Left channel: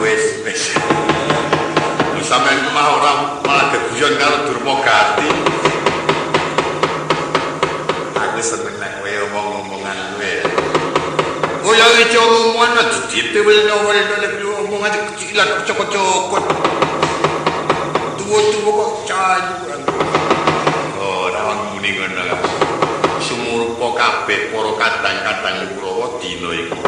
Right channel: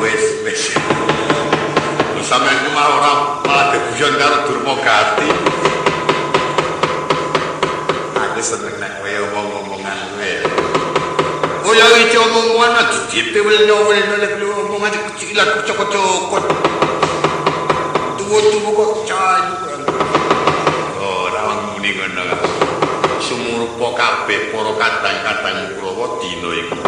wis. Lho sampeyan ku mah ora malah geguyon karo Durmagati. Aku seneng nek kowe omong-omongan kowe. Oh ya iki omongan ditewel-nyowel nek omongan kecilan kocok-kocok. Tuwa-tuwa kok cayu kurang. Oh, ora muni ngono kok. Sumurupa kabeh para kadang-kadang Kurawa dina iki.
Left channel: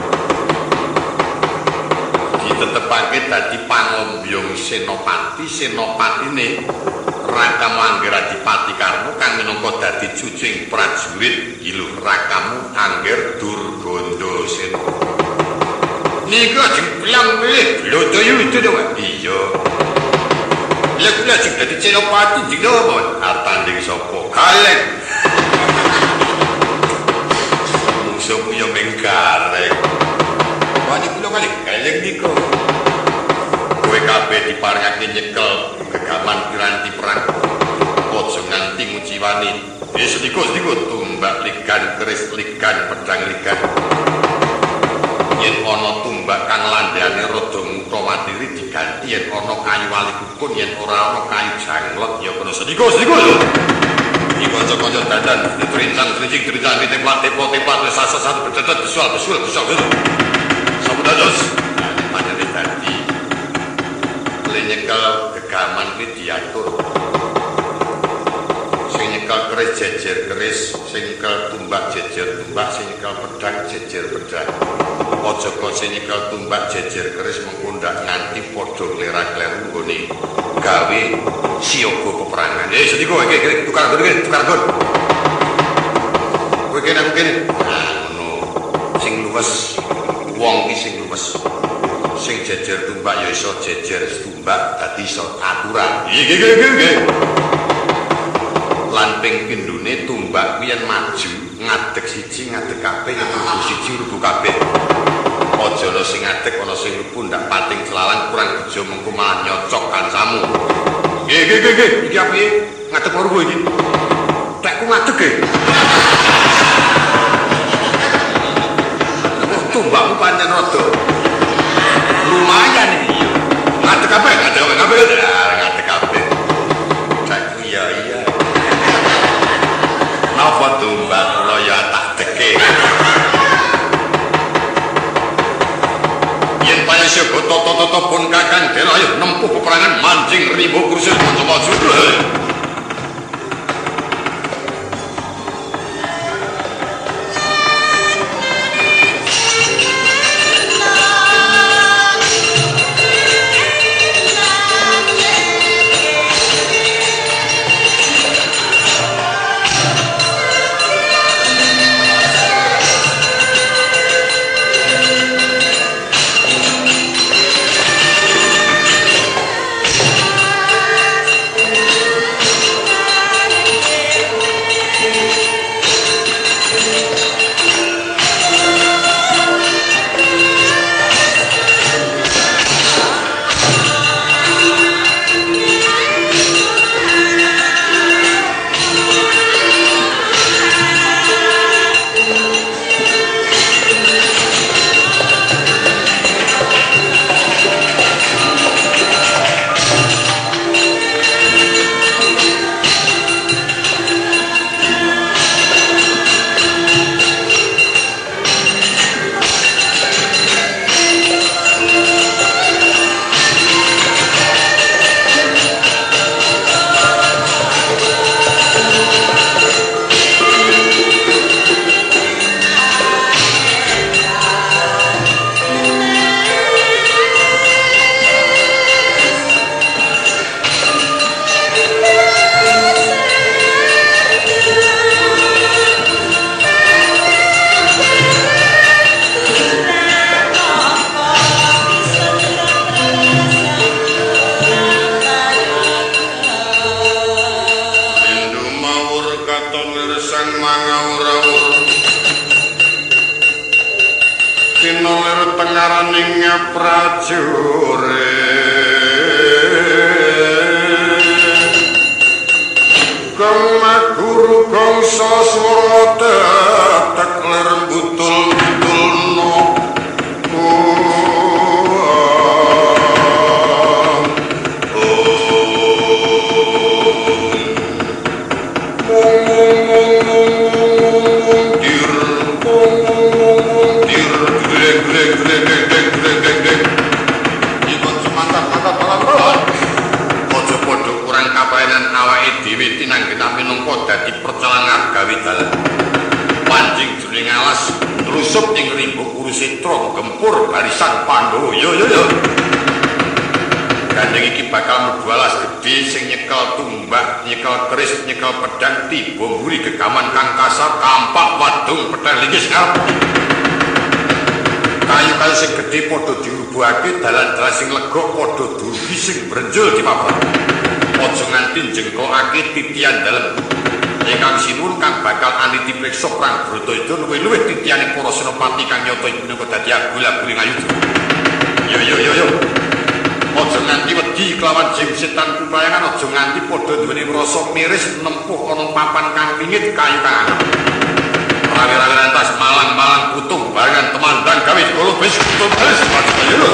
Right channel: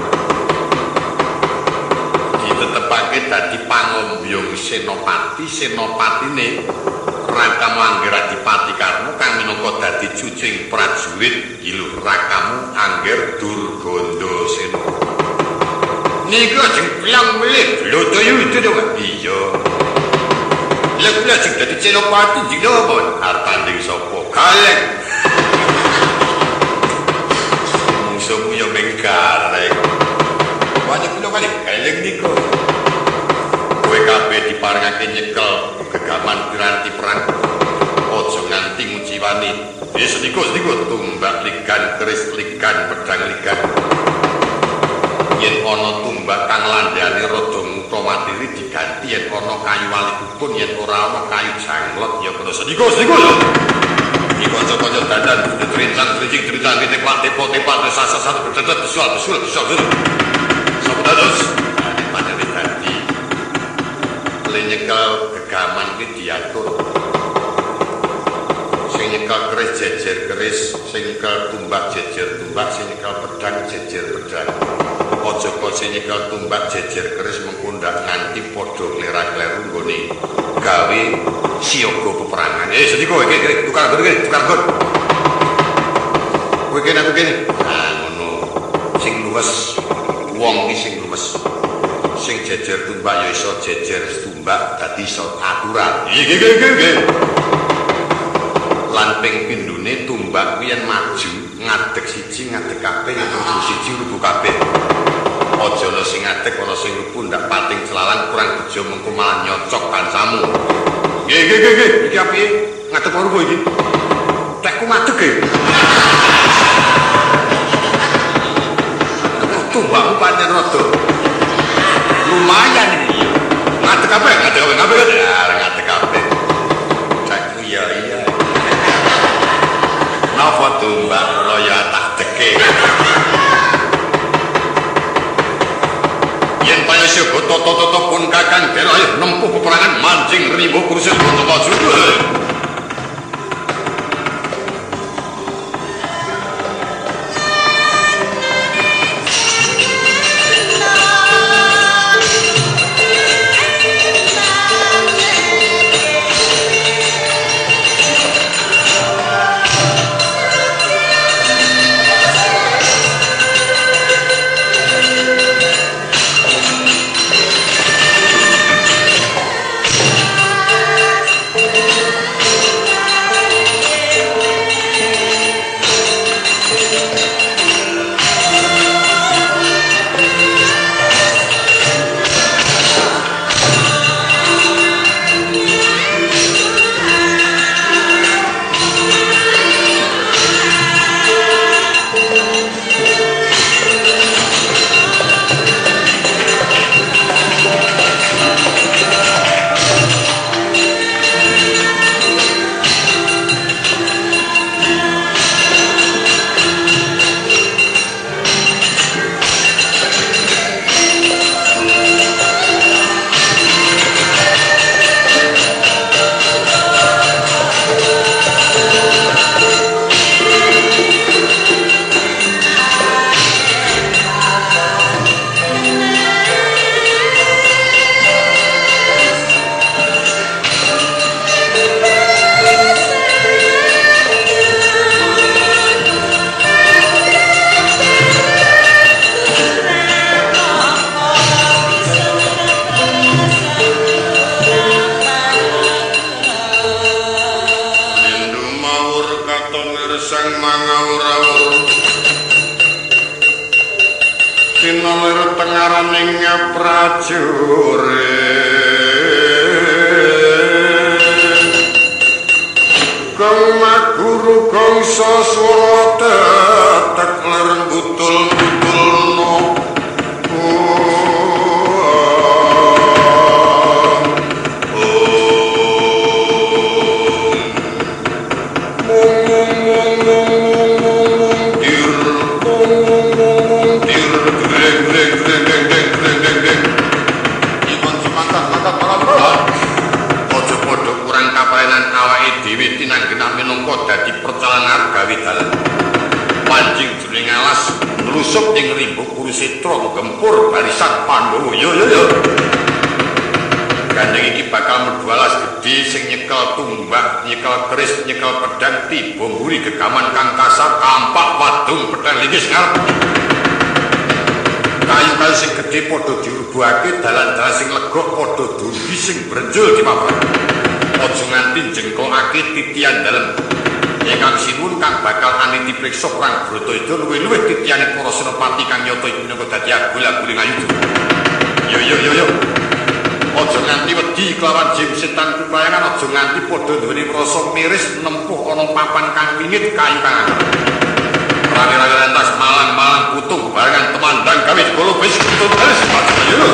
Ditetepake dadi pangombyong senopati, senopatine Rakamu Angger Adipati Karna kang minangka dadi cucing prajurit ilu Rakamu Angger Durgandasena. Niku ajeng pelang melih Blodaya itu to, Pak. Iya. Lah kula sing dadi senopati jeng apa? Arep tanding sapa? Galeng. Musuhmu ya menggareng. Wani kula kali galeng niku. Kowe kabeh diparengake nyekel gegaman piranti perang. Aja nganti nguciwani. Sediko tumbak ligan keris ligan pedang ligan. Yen ana tumbak kang landhane rada mutawatiri diganti yen ana kayu walikukun yen ora ana kayu janglot ya kena sediko ya. Iki kanca-kanca dandan trincang-trincing trincang tepo-tepo wis sasa-sasa betetet besul. Sampun dados. Panjane dadi nyekel gegaman kuwi diatur. Sing nyekel keris jejer keris, sing nyekel tumbak jejer tumbak, sing nyekel pedang jejer pedang. Aja kok sing nyekel tumbak jejer keris mengko ndak nganti padha klera-kleru nggone gawe siaga peperangan. Sediko iki tukar nggon. Kowe kene aku kene. Nah ngono. Sing luwes wong iki sing luwes. Sing jejer tumbak ya iso jejer tumbak dadi iso aturan. Nggih. Lan ping pindune tumbak kuwi yen maju ngadeg siji ngadeg kabeh ya rubuh siji rubuh kabeh. Aja ana sing ngadeg ana sing rubuh ndak pating celalang kurang bejo mengko malah nyocok kancamu. Nggih. Iki apiye? Ngadeg karo kowe iki. Tekku ngadeg e. Tumbakmu pancen rada lumayan iki yo. Ngadeg kabeh. Ngadeg kabeh. Cek iya. Napa tumbak kula ya tak deke. Yen payasa toto pun kakang den ayo nempuh peperangan mancing rimbo kursus kanca maju. Tinolir tengaraning prajurit Gong maguru gong saswara tetek ler butul-butulno pinanggenah minangka dadi percalangan gawe dalan. Panjing jroning alas nlusup ing rimbuk Kurusetra gempur barisan Pandhawa. Yo. Gandeng iki bakal mlebu alas gedhe sing nyekel tumbak, nyekel keris, nyekel pedang tiba mburi gegaman kang kasar kampak wadung petheh linggis ngarep. Kayu-kayu sing gedhe padha dirubuhake, dalan-dalan sing lega padha durbi sing brenjol dimaprak. Aja nganti jengkokake titian dalem. Ingkang sinuwun kang bakal aniti priksa prang Bratayuda luwih-luwih titianing para senopati kang nyata iki minangka dadi agul-aguling ayuda. Yo. Aja nganti wedi kelawan jim setan kupayangan, aja nganti padha duweni rasa miris nempuh ana papan kang wingit kayu kang anyar. Rawi-rawi rantas malang-malang putung barengan temandang gawe golo bis tulis ayo.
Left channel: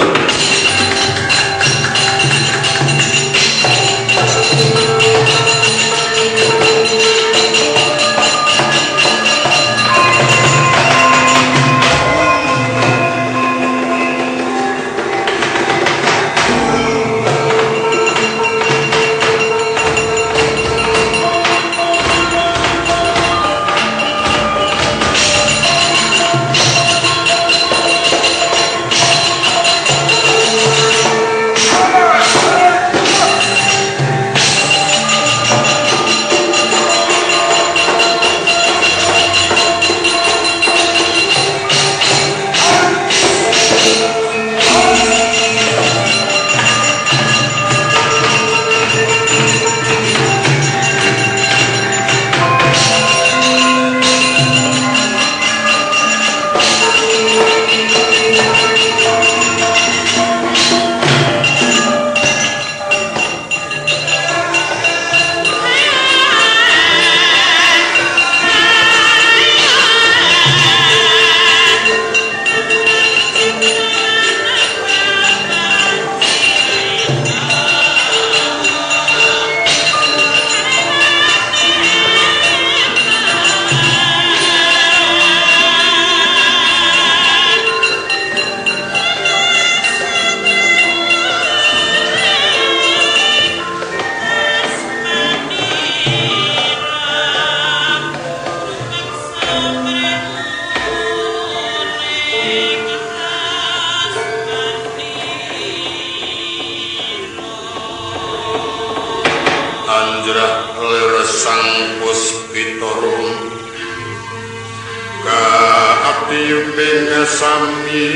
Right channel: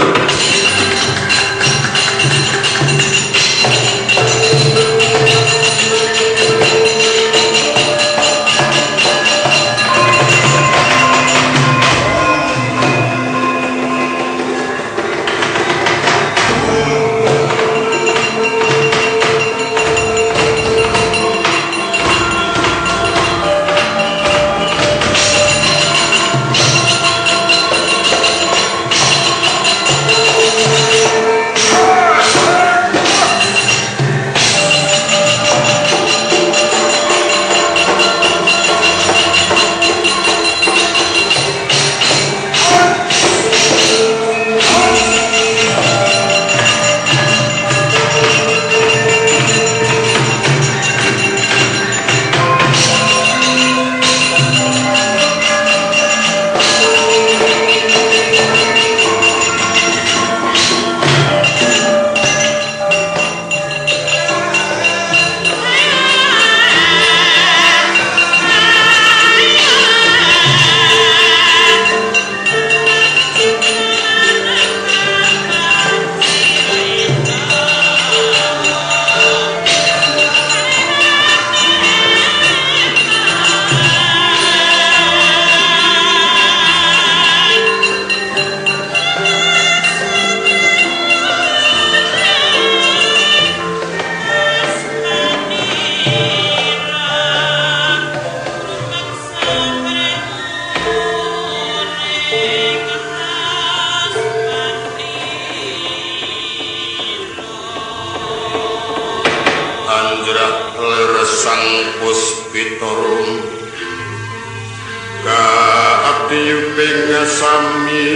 Sami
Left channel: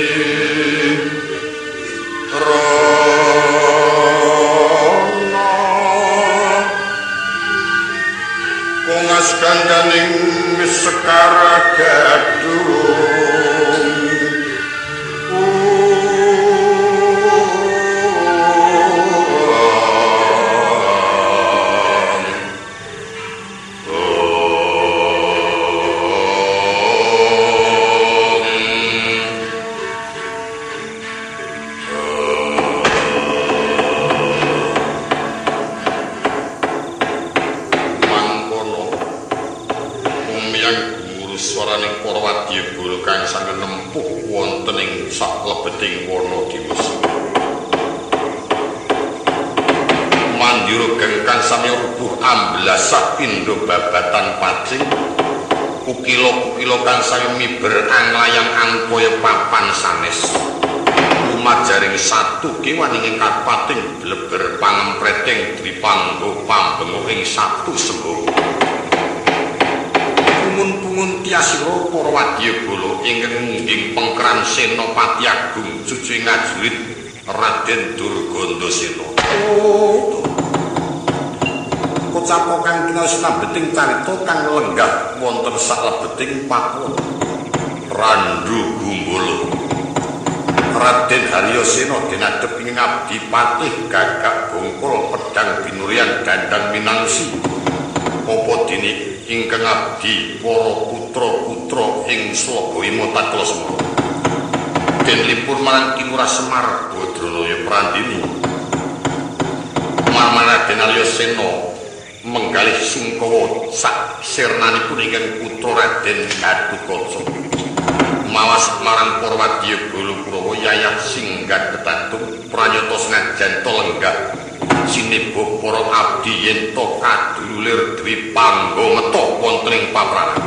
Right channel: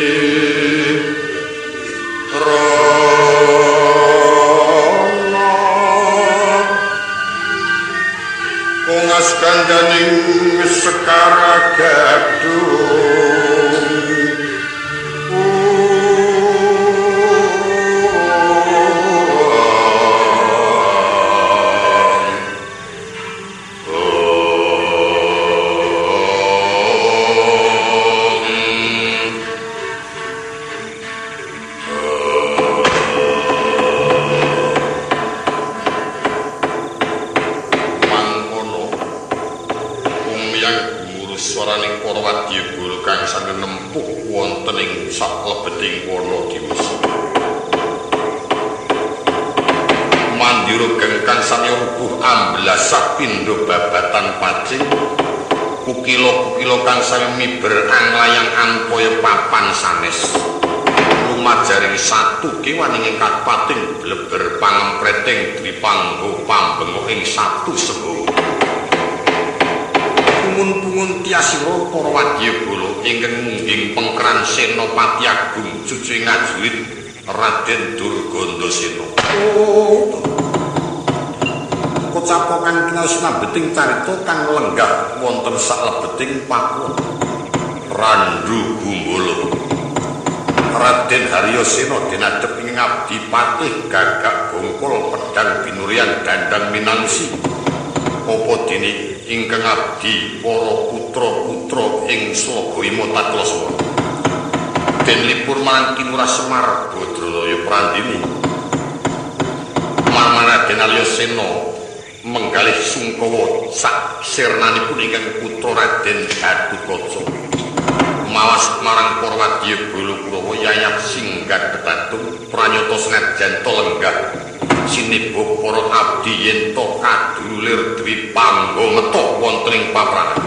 Rono Kongas kandaning Sekar Gadung swaraning para wadyabala kang saged nempuh wonten ing saklebeting wana Dimas. Mandira gengkang sami rubuh amblasah pindha babatan pacing. Kukila-kukila kang sami miber anglayang anpaya papan sanes. Lumajaring satu kewaning ing kapating bleber pangempreting dripanggo pambengo ing satu sembuh. Pungun-pungun tiasira para wadyabala ingkang mungging pengkeran Senopati Agung Cucu ngajurit Raden Durgandasena. Kocapa kang kinaos nambeting carita kang lenggah wonten saklebeting Papua. Randu Gumbala. Raden Haryasena dinadhep ing abdi patih gagak bongkol pedang binurian dandang minangsi. Apa dene ingkang abdi para putra-putra ing Slagawima Taklasemana. Den lipur marang Kinurah Semar Badranaya Prandini. Marang Raden Haryasena menggalih sungkawa sak sirnanipun ingkang putra Raden Gatotkaca. Mawas marang para wadyabala Kurawa yayat singgah ketatung pranyata senajan to lenggah sinebok para abdi yen to kadululir dwi panggo metuh wonten ing paprangan.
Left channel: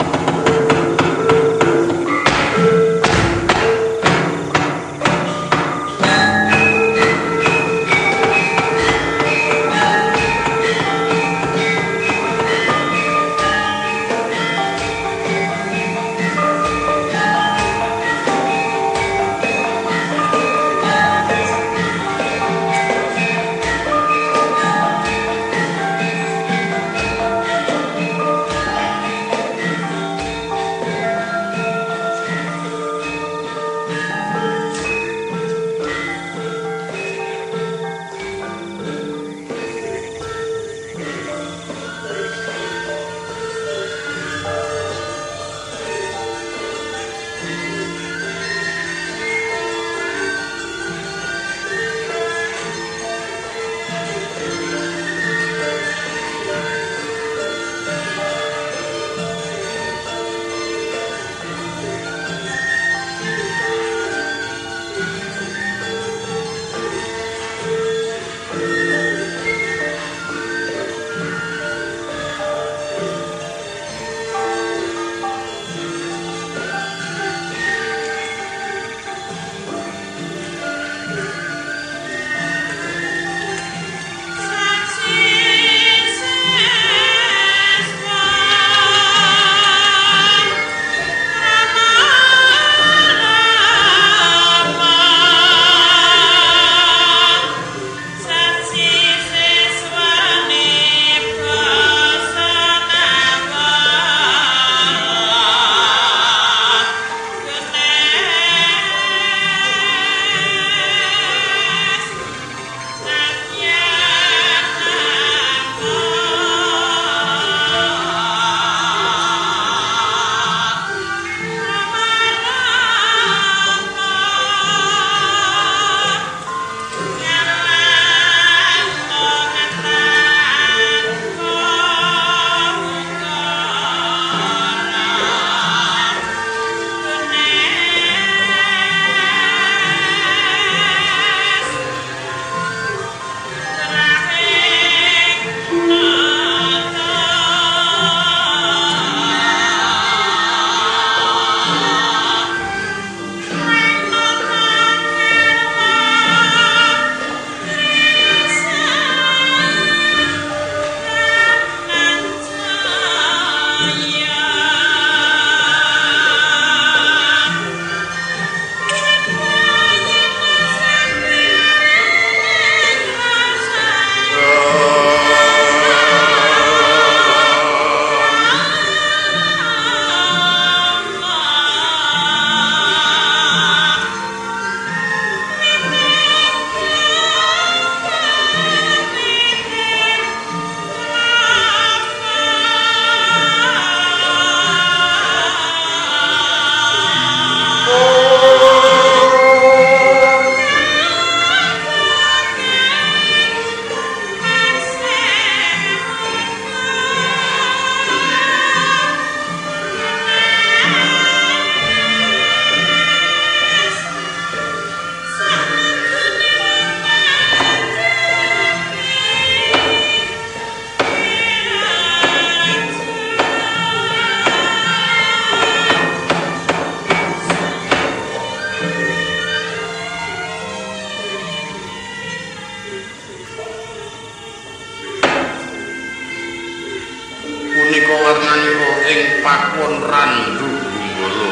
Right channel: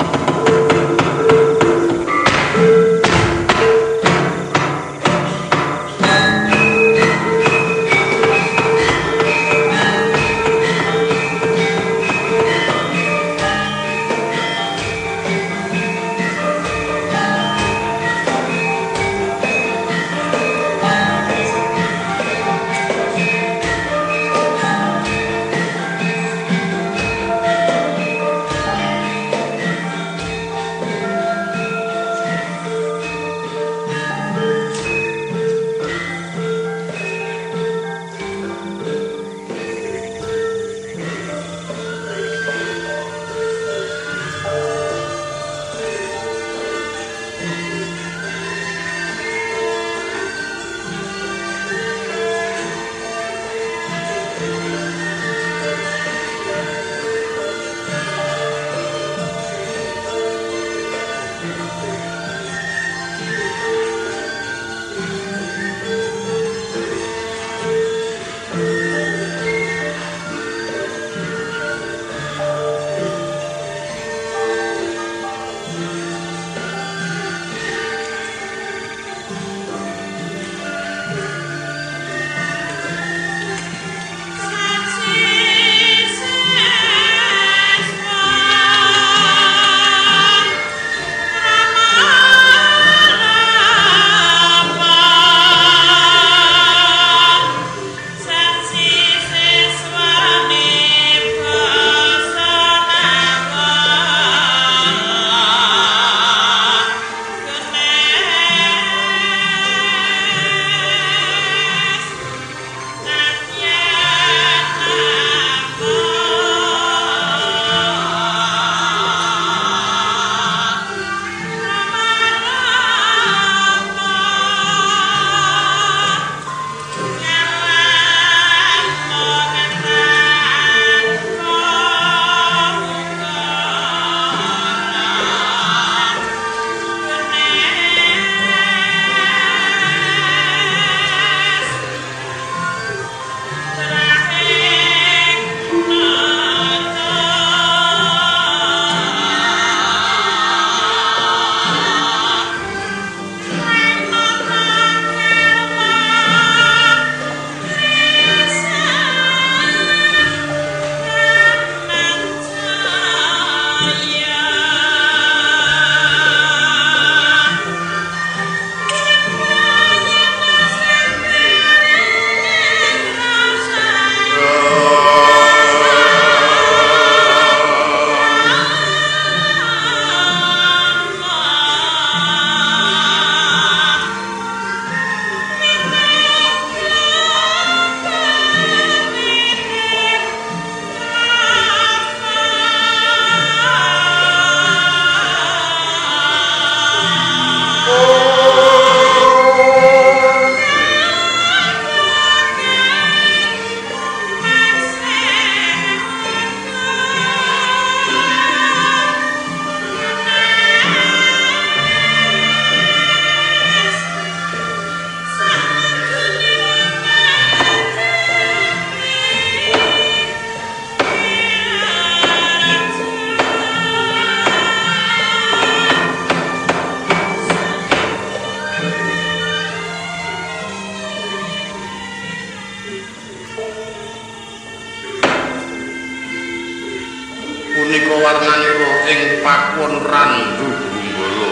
Punika warnanira ing pakuwon Randu Gumbala.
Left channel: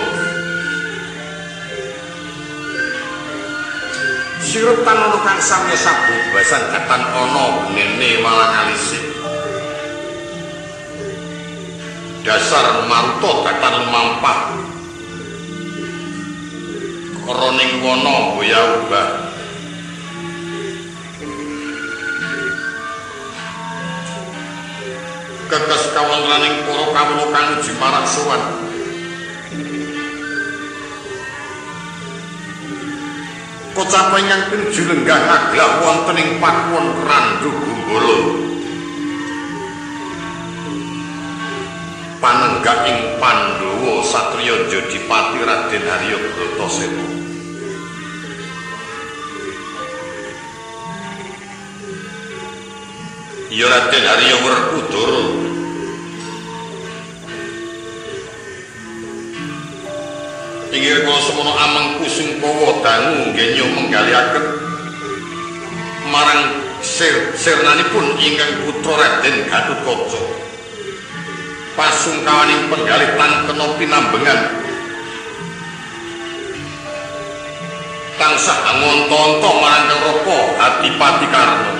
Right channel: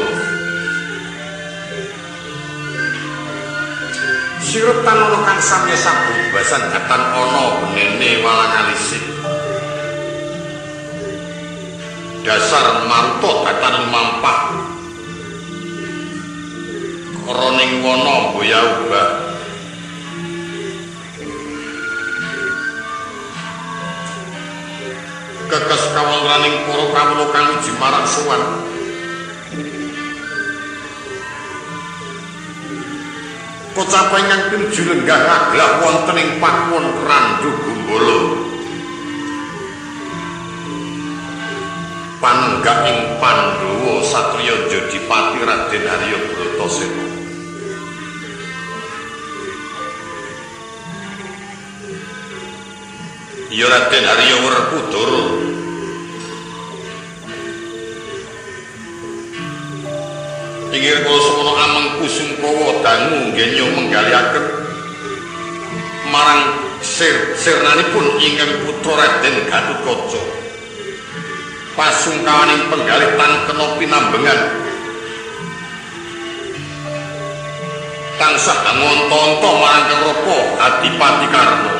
Sirutan ana kang samya sabubasan katan ana benene walang alisik. Dasar maruta katan lumampah. Koroning wana boya ubah. Kekes kawontenaning para kawula kang uji marang sowan. Kocapa ingkang pinuju lenggah ngaglah wonten ing pakuwon Randu Gumbala. Panenggak ing Pandhawa satriya Jodipati Raden Harya Bratasena. Ya Raden Arya Werkudara. Inggih kula semono amengku Sungkawa dangu nggenya menggaliaken marang sirnanipun ingkang putra Raden Gatotkaca. Pasungkawaning penggalih tan kena pinambengan tansah ngonto-onto marang Kang Raka Adipati Karna.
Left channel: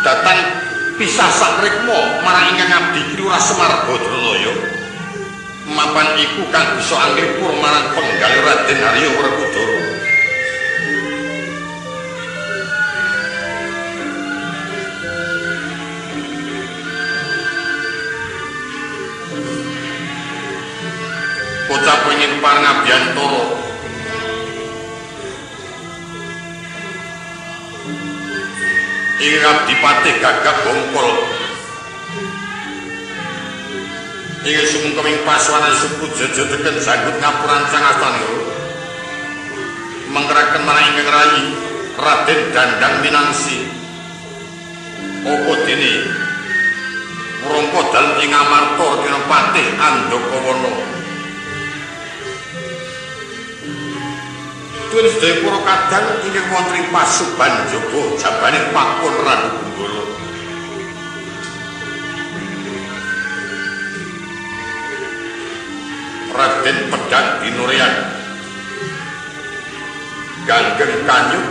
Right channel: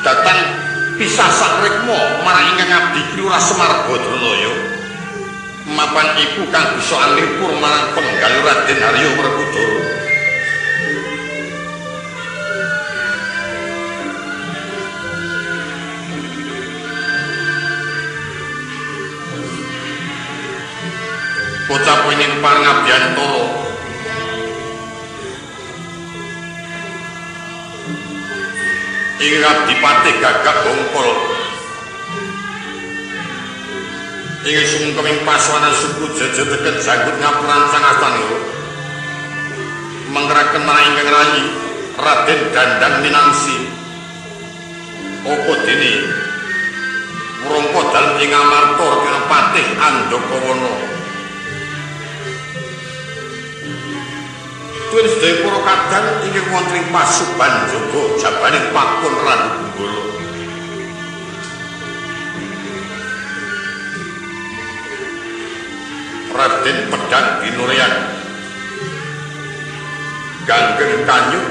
Datan pisah sakrikma marang ingkang abdi Kriwurah Semar Badranaya. Mapan iku kang bisa anglipur marang penggalih Raden Arya Werkudara. Bocah pengen pareng Abiyantara ing Adipati Gagak Bongkol ing sumengkeming pasuwanan suku Jaja teken janggut ngapurancang astanira menggeraken marang ingkang rayi Raden Dandang Minangsi. Apa dene wrangka dalem ing Amarta Kira Patih Andakawana. Tuwin sedaya para kadang inggih wonten ing Pasuban Jaga jabaning Pakun Randu Bunggala. Raden Pedang Binurian, Ganggeng Kanyut,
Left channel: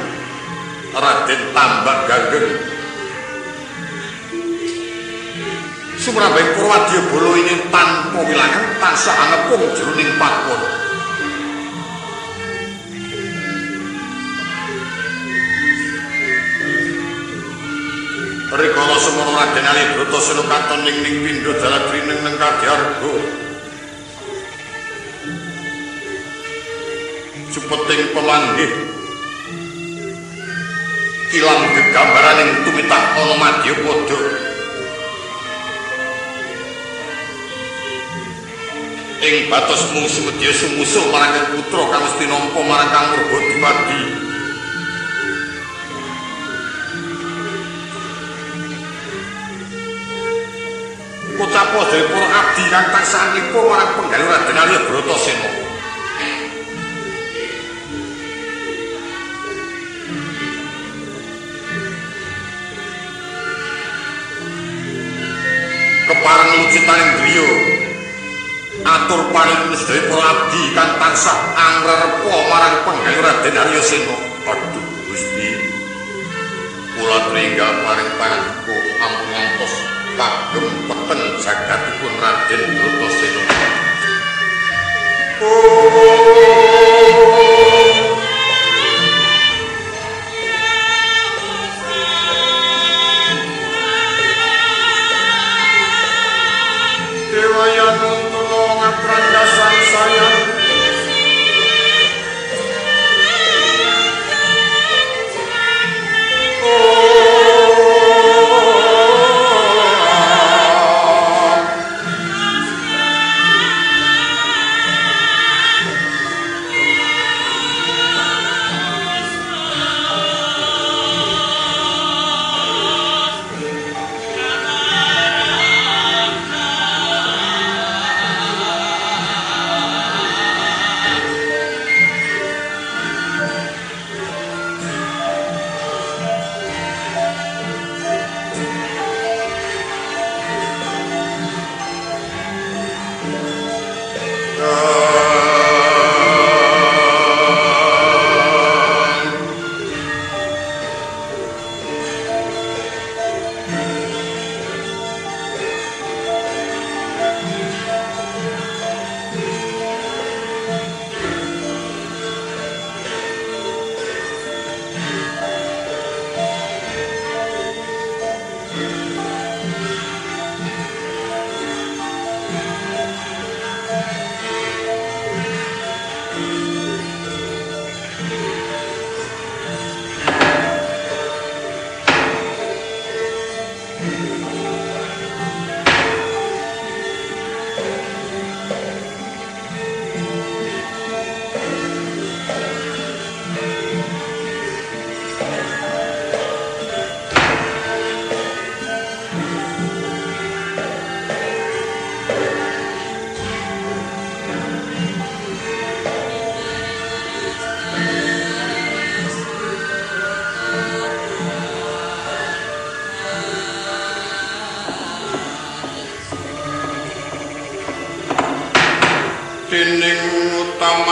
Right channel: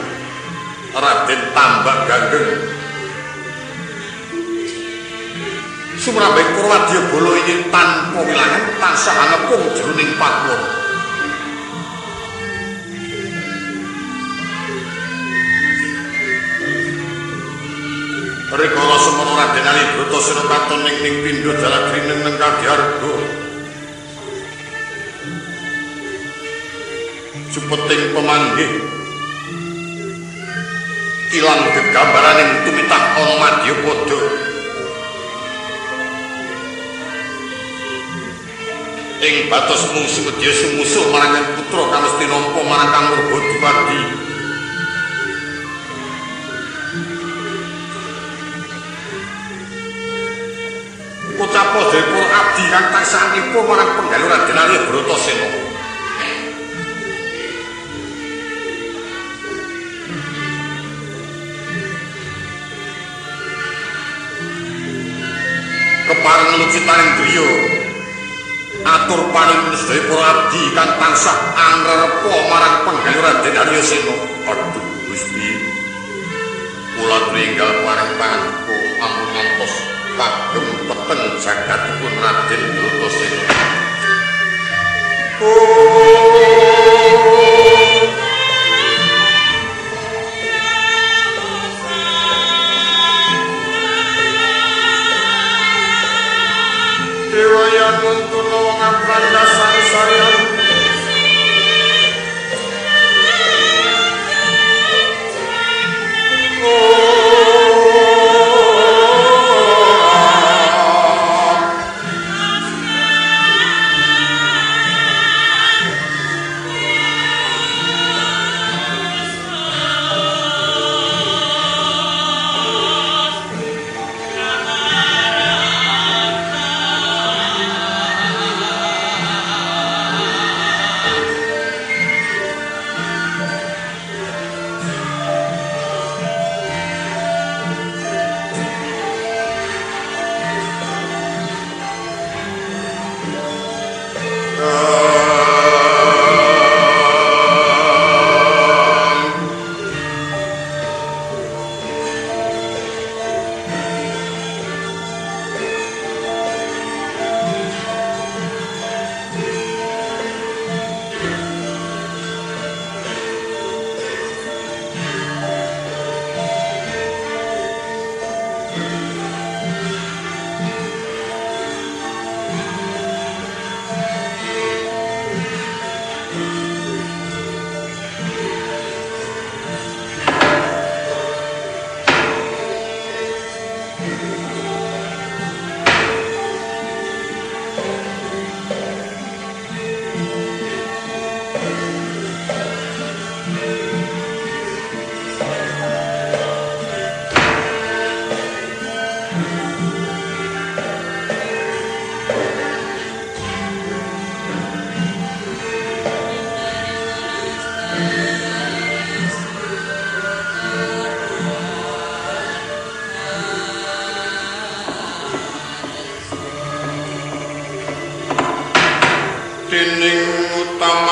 Raden Tambak Ganggeng, sumrambing para wadyabala ingkang tanpa wilangan tansah angepung jroning pakuwon. Rikala semono Raden Ali Bratasena katon ning pindha Jalagrineng neng Kadyarga. Supeting pemanggih ilang gegambaraning tumitah ana Madyapada. Ing batos mung sumedya sumusul marang Kang putra kang mesti nampa marang Kang Murbadipati. Ucapo dari para abdi kang tansah nglipur marang penggalih Raden Arya Bratasena. Kepareng lucitaning driya atur panuwun sedaya para abdi kang tansah angrerepa marang penggalih Raden Arya Sena. Aduh Gusti, kula tringgal paring pangandiku ampun ngantos kagem peteng jagatipun Raden Bratasena. Dewa Yanung tulung ngaprandasan sayan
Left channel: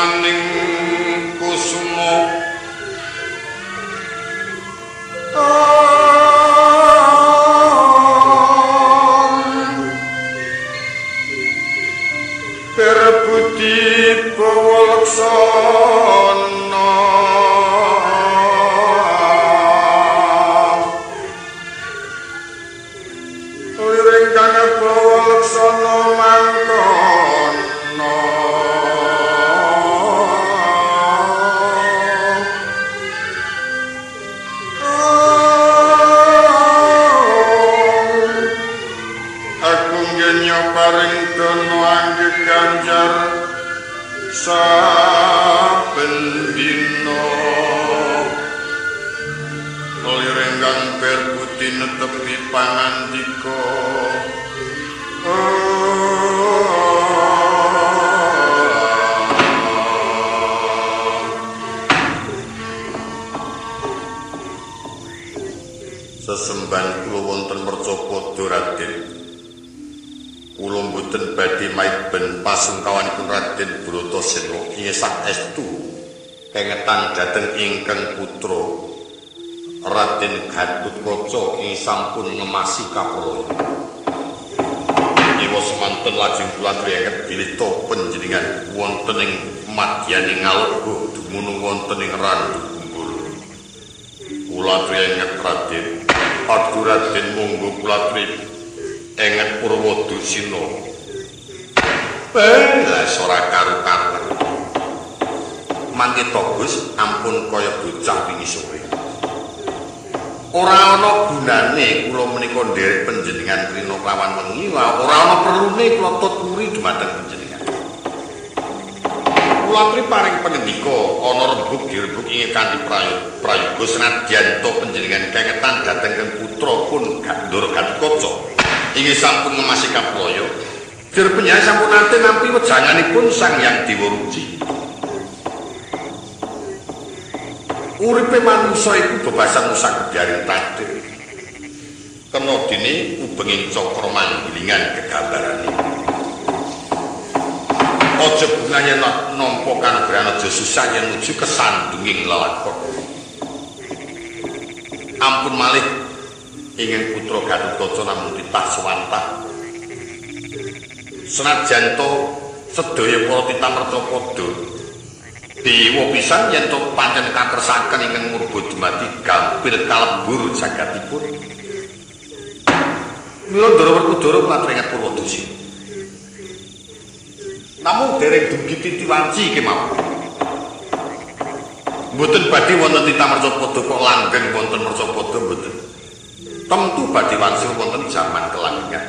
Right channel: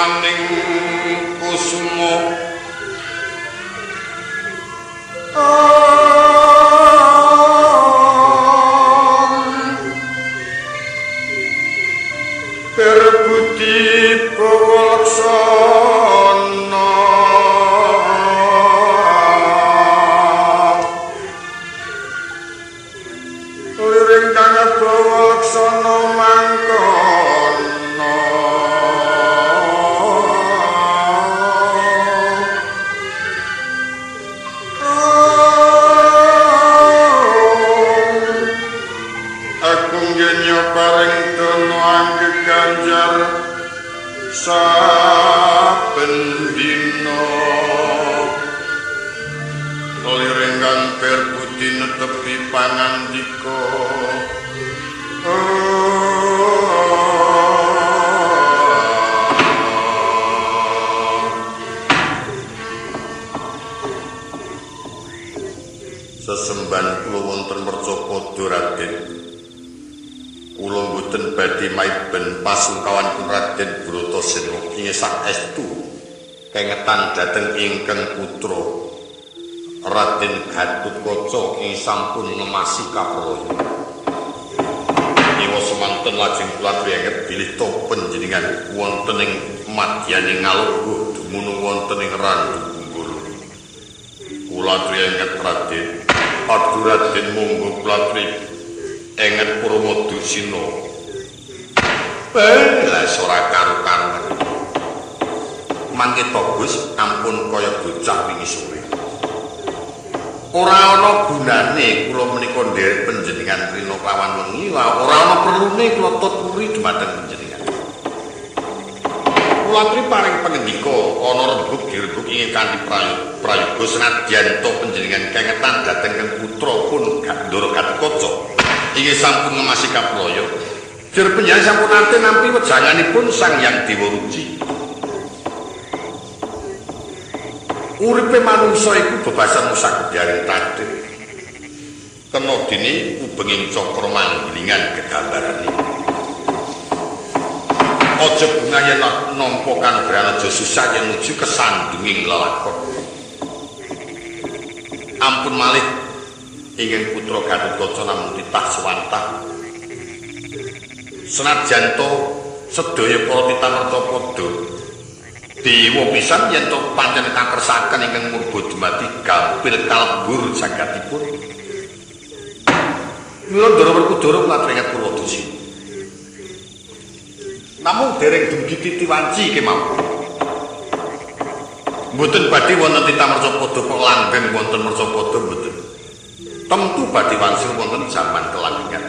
maning kusuma berbudi pawalaksana liring kang pawalaksana mangkono aku ngenyo paring dono angge ganjar saben dina lirenggan berbudi netepi pangandika sesemban kula wonten Mercapada Raden kula mboten badhe maiben pasungkawanipun Raden Bratasena ing saestu kengetan dhateng ingkang putra Raden Gatotkaca ing sampun ngemasi kapraya. Dewa semanten lajeng kula trienget bilih to panjenengan wonten ing madyaning Ngaloga dumunung wonten ing Randu Kumbolo. Kula trienget Raden, adu Raden monggo kula trienget Purwodasina. Lah ora karu-karuan. Mangke to Gus ampun kaya bocah wingi sore. Ora ana gunane kula menika nderek panjenengan rina kelawan wengi, ora ana perlune kula tuturi dumateng panjenengan. Kula tri paring pangendika ana rembug dirembug ing kanthi prayoga senadyan to panjenengan kengetan dhateng kang putra pun Ndara Gatotkaca inggih sampun ngemasi kapraya. Dir panjenengan sampun nate nampi wejanganipun Sang Hyang Dewa Ruci. Uripe manungsa iku bebasan musakediaring tadir. Kena dene ubenging cakra manggilingan gegambarane. Aja bungah yen nampa kanugrahan aja susah yen nuju kesandunging lelakon. Ampun malih ingin putra Gatotkaca namung titah swantah. Senajan to sedaya para titah Mercapada dewa pisan yen to pancen kakersaken ingkang murba dumadi gampil kalebur jagatipun. Mila Ndara Werkudara klatrenget Purwodasina. Namung dereng dumugi titiwanci kemawon. Mboten badhe wonten titah Mercapada kok langgeng wonten Mercapada mboten. Tentu badhe wangsul wonten jaman kelanggengan.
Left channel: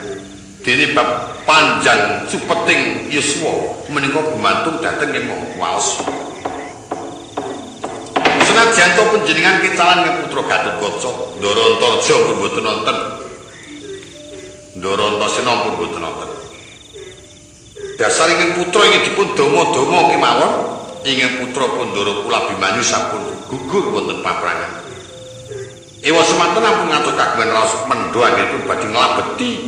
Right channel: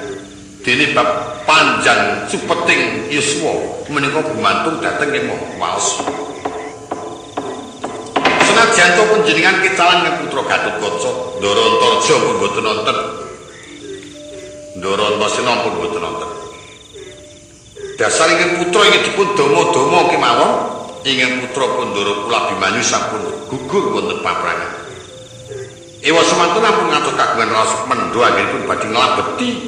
Dene bab panjang supeting yuswa menika gumantung dhateng ing waos. Senajan to panjenengan kitalan ing putra Gatotkaca, Ndara Antarja pun boten wonten. Ndara Antasena pun boten wonten. Dasar ingkang putra ingkang dipun dama-dama kemawon, ingkang putra Pandhara Kula Abimanyu sampun gugur wonten paprangan. Ewa semanten ampun ngatur kagungan raos mendho anggenipun badhe nglabeti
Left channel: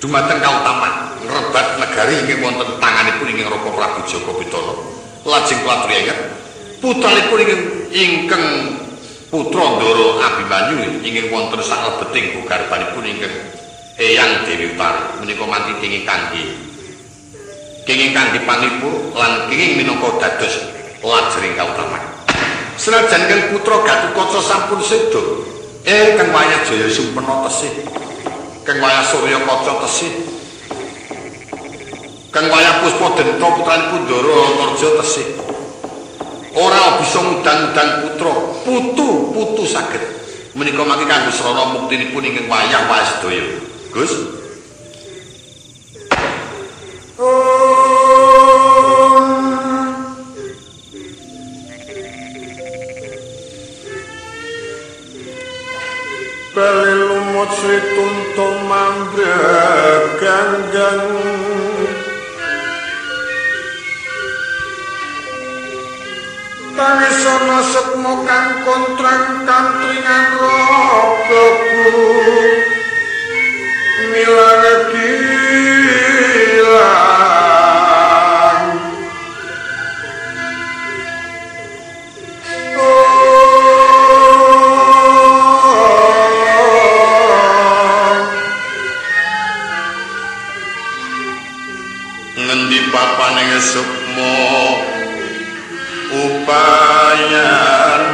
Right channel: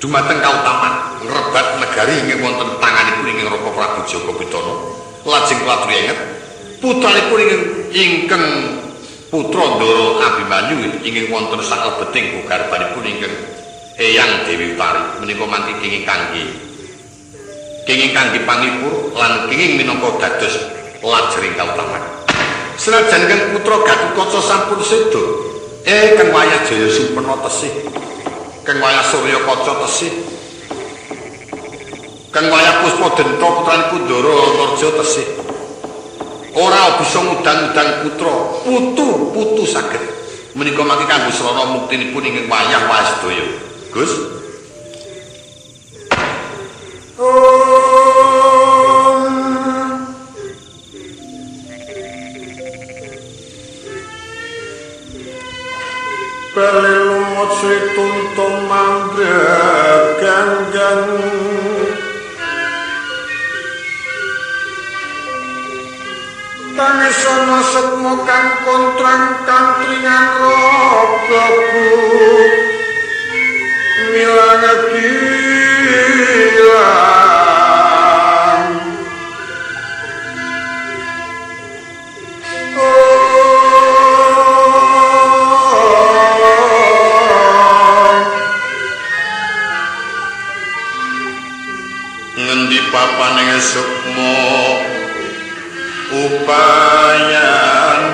dumateng kautaman ngrebat negari ingkang wonten tanganipun ingkang Raka Prabu Jaka Pitana. Lajeng kula trienget putranipun ingkang putra Ndara Abimanyu ingkang wonten saklebeting garbanipun ingkang Eyang Dewi Utari menika manthi kenging kangge panglipur lan kenging minangka dados lajering kautaman. Senajan kang putra Gatotkaca sampun seda, kang wayah Jaya Sumpena tesih, kang wayah Surya Kaca tesih, kang wayah Puspadenta putranipun Ndara Antarja tesih. Ora bisa ngudang-udang putra, putu saged. Menika mangke kanggo srana muktinipun ingkang wayah sedaya. Gus. Bali lumut Sri Tuntung Mandra Ganggang Tangisana sekmo kang kontrang kantringan roboku milang gilang paning sukma upayanan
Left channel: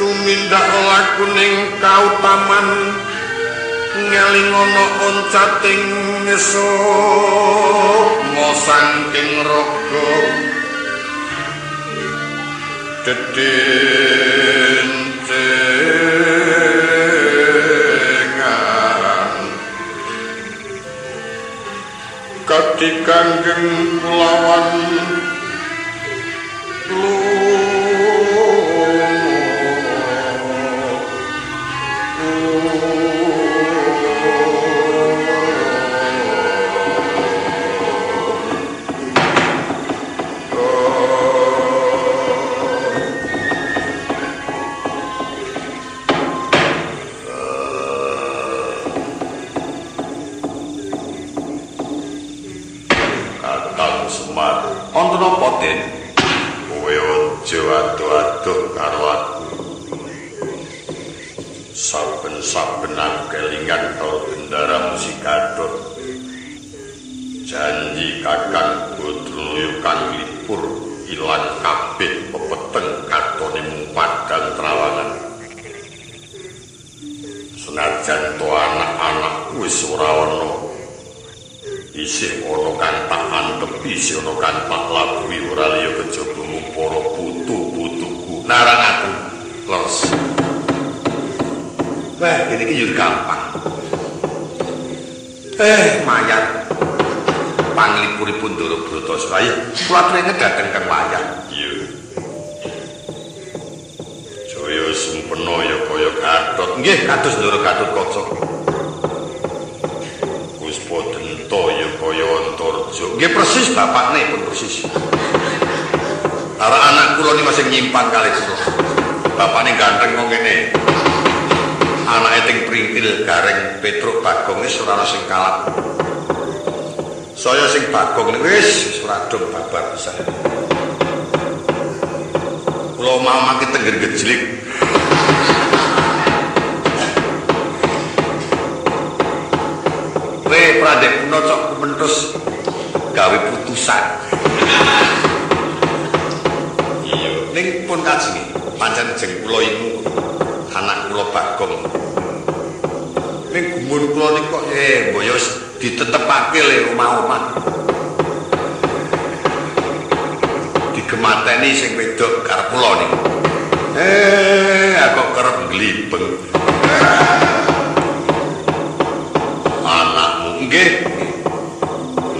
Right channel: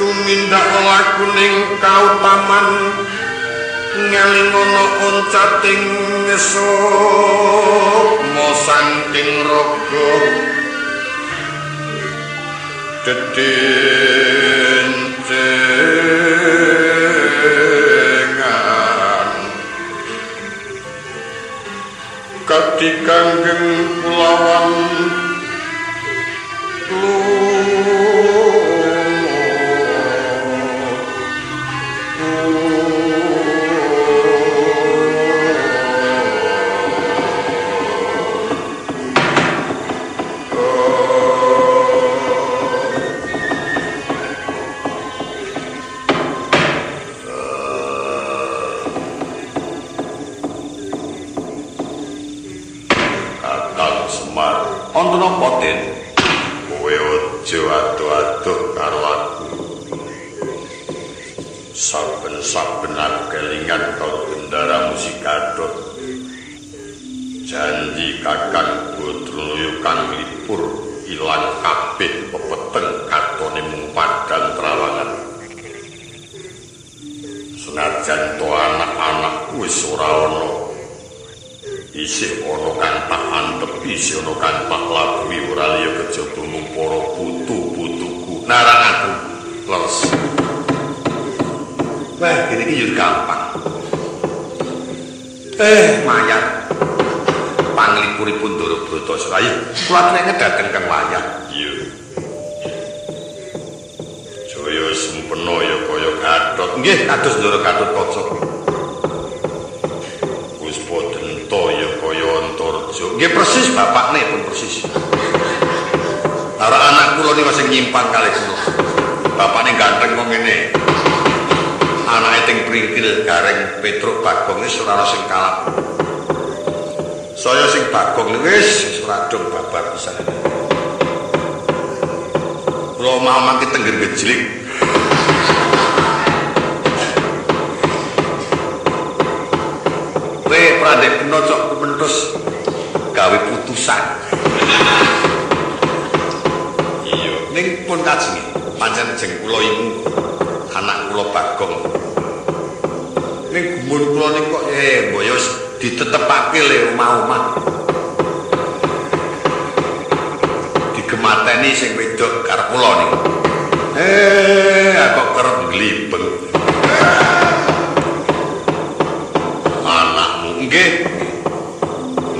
tumindak lakuning kautaman ngeling ana oncating sukma saking raga dedengan katikanggeng kulawan Wonten apa, Den? Kowe aja adoh-adoh karo aku. Saben-saben aku kelingan karo bendara musik gadot. Janji Kakang Badrulaya kang lipur ilang kabeh pepeteng katone mung padang trawangan. Senajan to anak-anakku wis ora ana. Isih ana kang tak antepi, isih ana kang tak labuhi ora liya kejaba mung para putu-putuku. Narangaken, Lors. Wah, kene iki yo gampang. Mayar. Panglipuripun Ndara Bratasraya. Kula aturaken dhateng Kang Wayah. Iya. Jaya sempena ya kaya Gatot. Nggih, kados Ndara Gatotkaca. Puspadenta ya kaya Antarja. Nggih persis bapakne pun persis. Karo anak kula niku sing nyimpang kalih kula. Bapakne ganteng kok ngene. Anake ting pringkil gareng Petruk Bagong wis ora ana sing kalap. Saya sing Bagong niku wis ora dong babar pisan. Kula mau mangke tengger gejlik. Prandek puno cok kumentus gawe putusan. Iya, ning pun kajenge pancen jeng kula imu anak kula Bagong. Ning gumun kula niku kok mbok wis ditetepake le omah-omah. Digemateni sing wedok karep kula niku. Kok kerep glibeng. Nggih.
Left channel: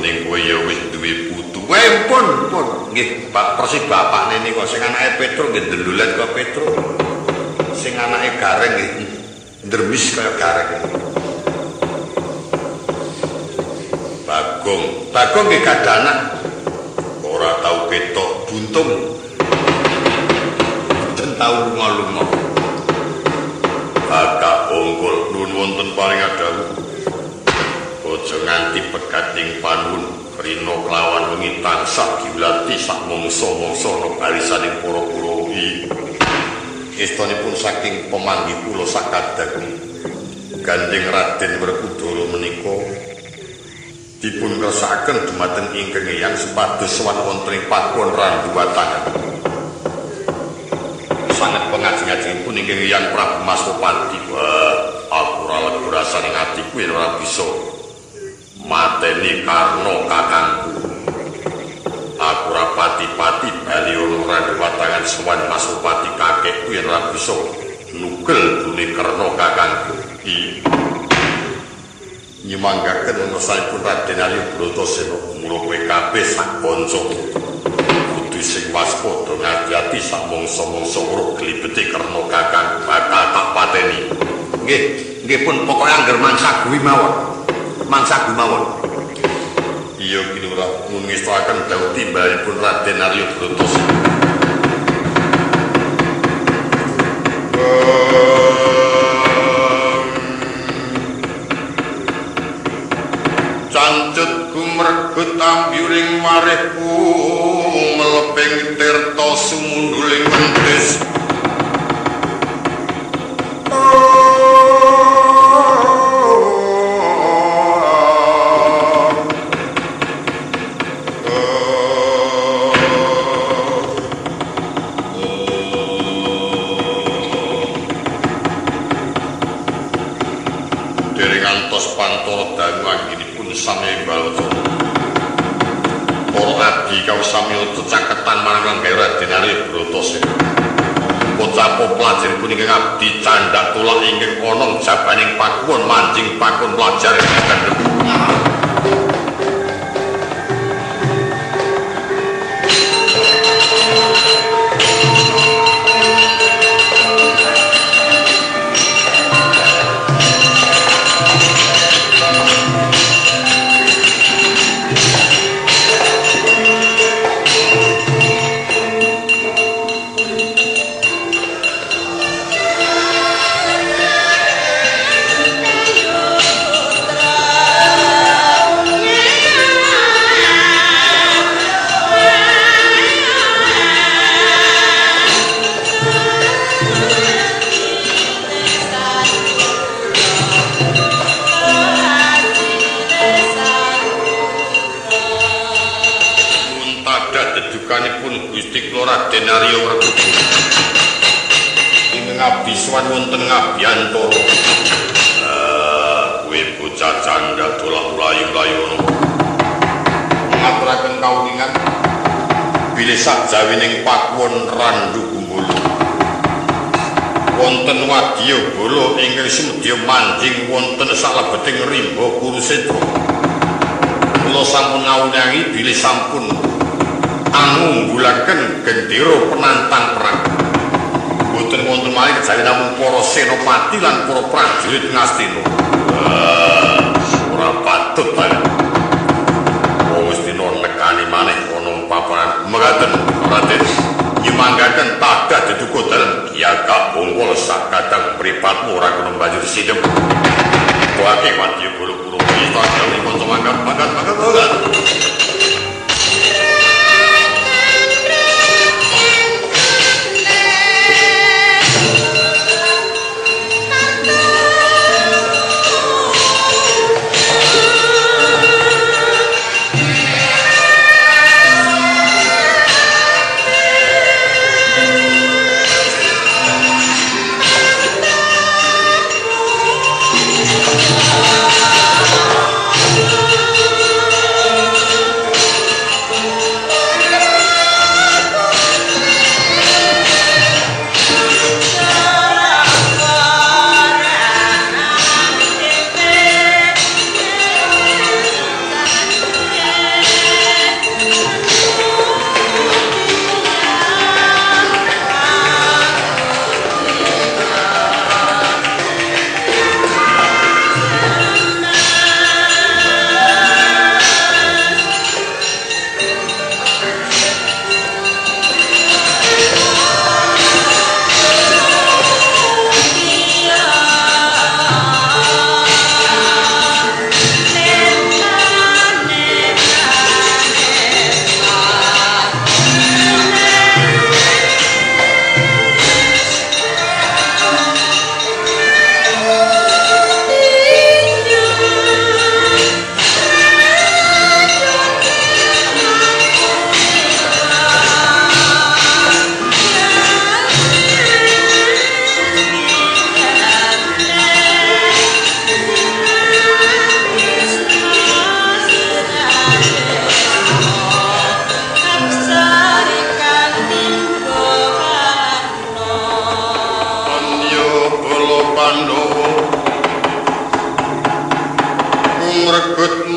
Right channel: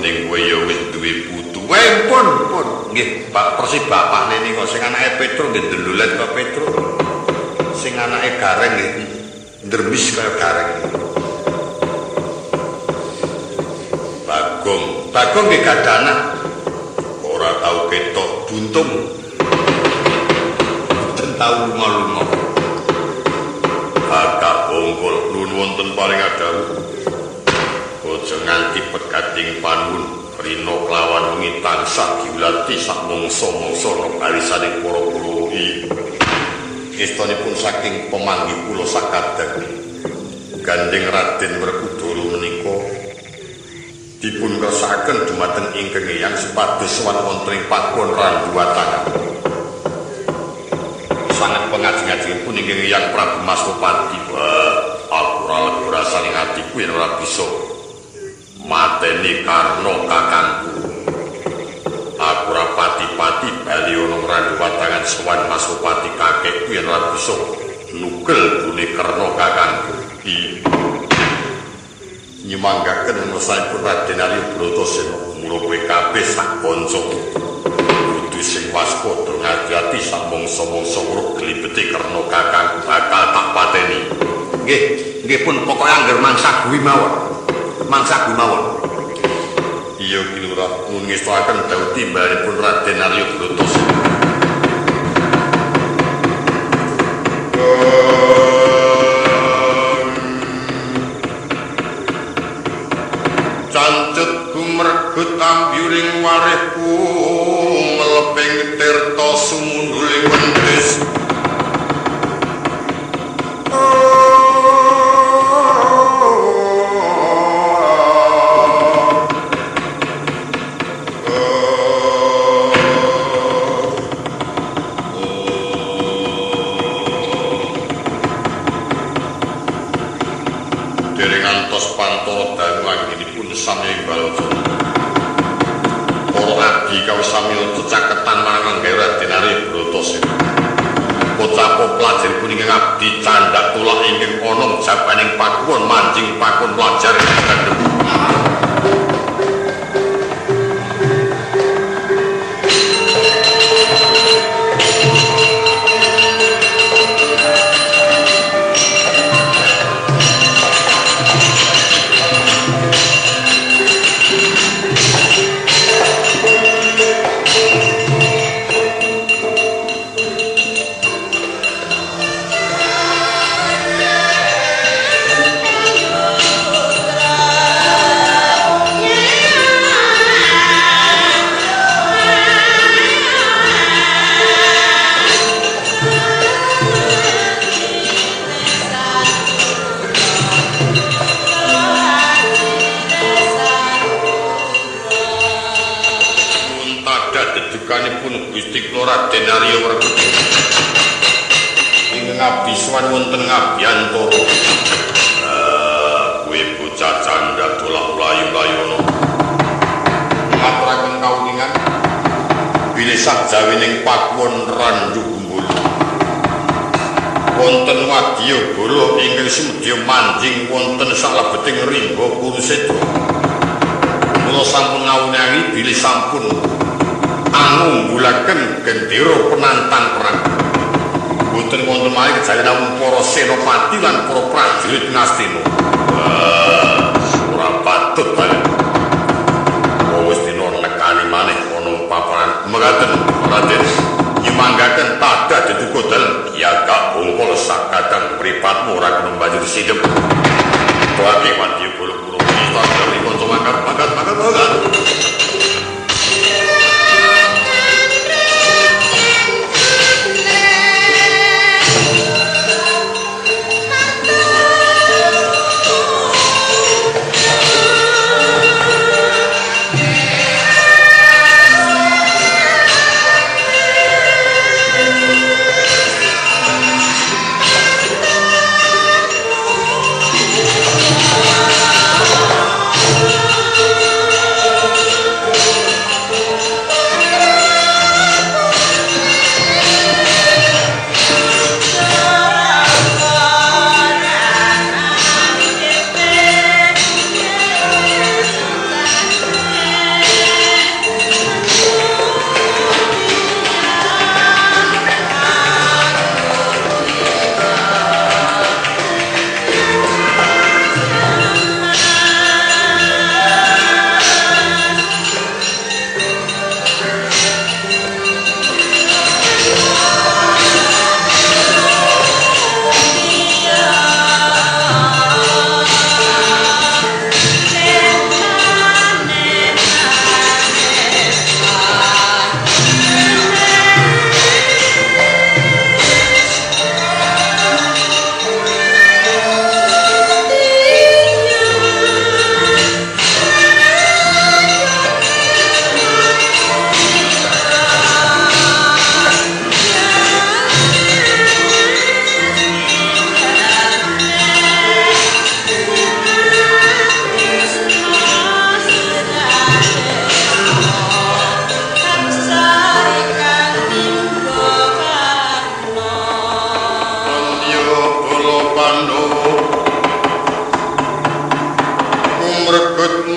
Ning kowe ya wis duwe putu. Pun. Nggih, Pak persis bapakne niku sing anake Petruk nggih ndelulet kaya Petruk. Sing anake Gareng nggih ndremis kaya Gareng. Bagong nggih gadah anak. Ora tau ketok buntung. Mboten tau lunga-lunga. Kakak Bongkol nuwun wonten paring adawuh. Aja nganti pegating panuwun rina kelawan wengi tansah diulati sak mangsa-mangsa ana barisaning para kulawa iki. Estanipun saking pemanggi kula sakadang Gandeng Raden Werkudara menika dipun kersakaken dumateng ingkang Eyang supados sowan wonten ing pakuwon Randuwatangan. Sanget pengajeng-ajengipun ingkang Eyang Prabu Maswapati. Wah, aku ora lega rasane atiku yen ora bisa mateni Karna kakangku. Aku ora pati-pati bali ana Randuwatangan sowan Maswapati kakekku yen ora bisa nugel dune Karna kakangku. Nyemanggaken menasanipun Raden Arya Bratasena, mula kowe kabeh sak kanca kudu sing waspada ngati-ati sak mangsa-mangsa weruh glibete Karna kakangku bakal tak pateni. Nggih pun pokoke angger mangsa kuwi mawon. Iya Ki Lurah, nuwun ngestuaken dawuh timbalanipun Raden Arya Bratasena. Cancut gumregut ambyuring warihku meleping tirta sumunduling wentis. dangu anggenipun samya imbal wacana. Para adi kawis samya cecaketan marang Lenggah Raden Arya Bratasena. Pocapo pelajaripun ingkang abdi candhak tulak ingkang ana jabaning pakuwon manjing pakon pelajar kandhep. Dedukanipun Gusti Kula Raden Arya Werkudara ingkang abdi sowan wonten Ngabiyantara. Kuwi bocah candhak dolak mlayu-mlayu ana. Ngaturaken kawuningan bilih sakjawining pakuwon Randu Gumbala. Wonten wadya bala ingkang sumedya manjing wonten salebeting rimba Kurusetra. Kula sampun ngawunangi bilih sampun angunggulaken gendera penantang perang. Boten wonten malih kejawi namung para senopati lan para prajurit Ngastina. Ora patut bae. Wong wis dina nekani maneh ana paparan mekaten Raden. Nyemanggaken tadah deduka dalem Kiagak Bongkol sakadang mripatmu ora kena banjur sidhem. Tuake wadya bolo-bolo kita gawe kanca mangkat.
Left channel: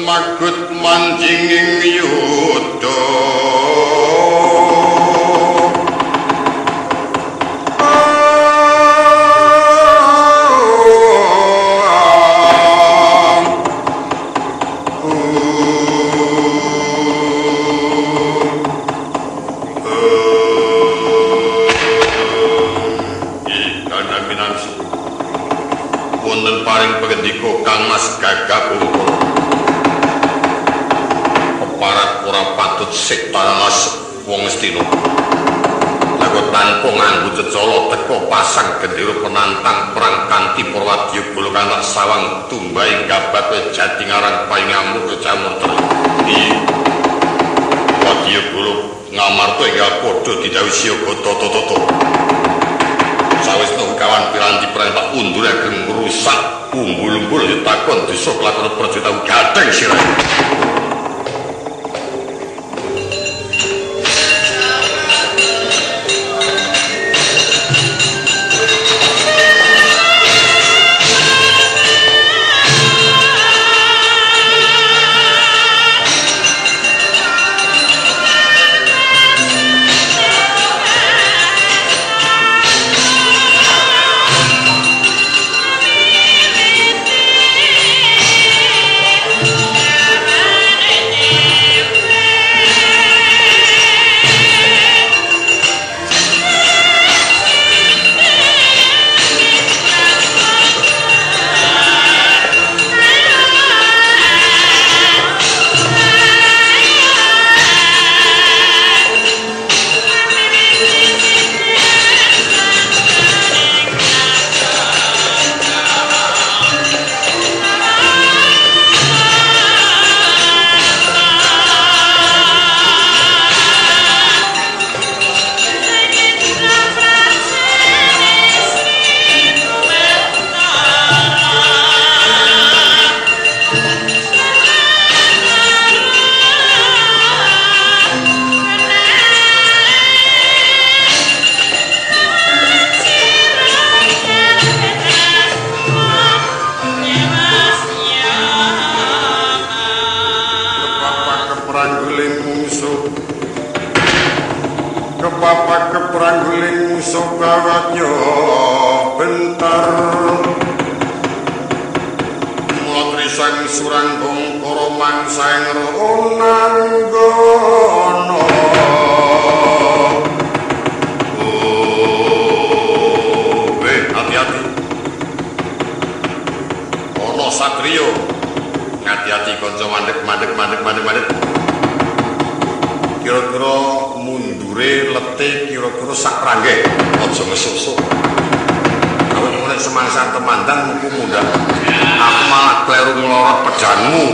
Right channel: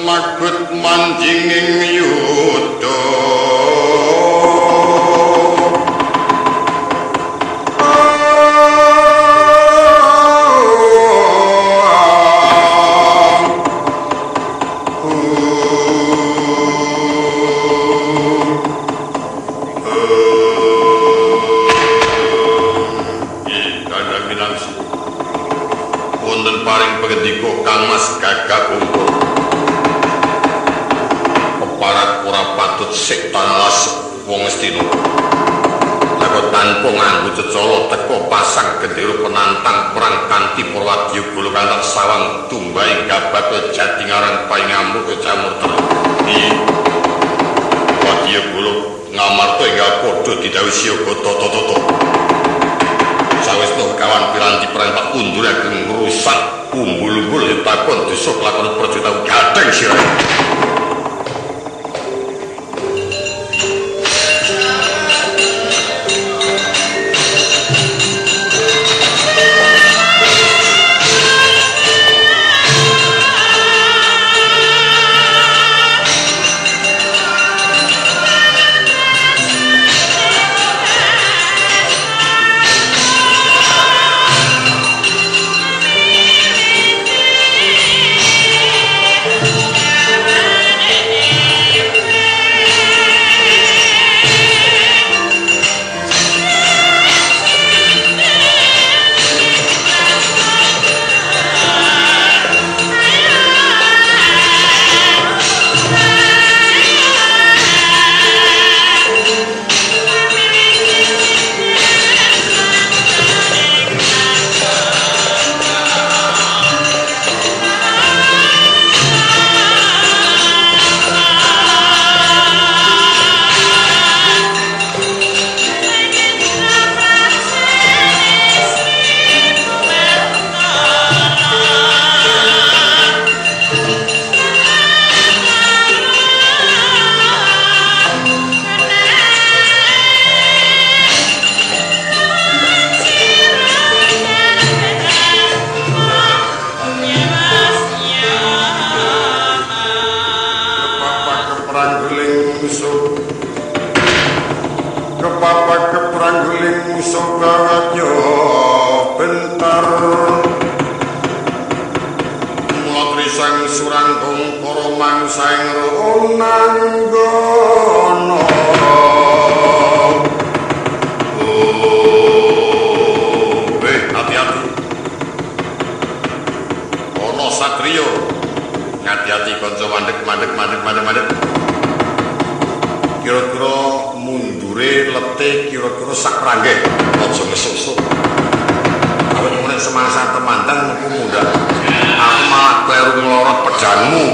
Magut manjing ing yuda wonten paring pangandika Kangmas Gagak Bongkol. Parat ora patut sik tanalas wong Ngastina. Lego tanpa nganggo cecala teka pasang gendera penantang perang kanthi para wadyabala kantak sawang tumbaing gabat jati ngarang paingamur kecamurta. Iki wadyabala ngamarta enggal padha didhawuhi siaga tata-tata. Sawetna kawan piranti perang tak undur ageng ngrusak umbul-umbul ditakon desa kelakon praja tau gadeng sirahe. Kepapak keprangguling musuh gawatnya bentar mula trisang suranggung koromang saing ronanggono hati-hati ono satrio ngati-hati kanca mandek kira-kira mundure letih kira-kira sak ranggeh aja ngesuk-suk awet nek semasa temandang muku muda aku malah kleru nglorot pedanmu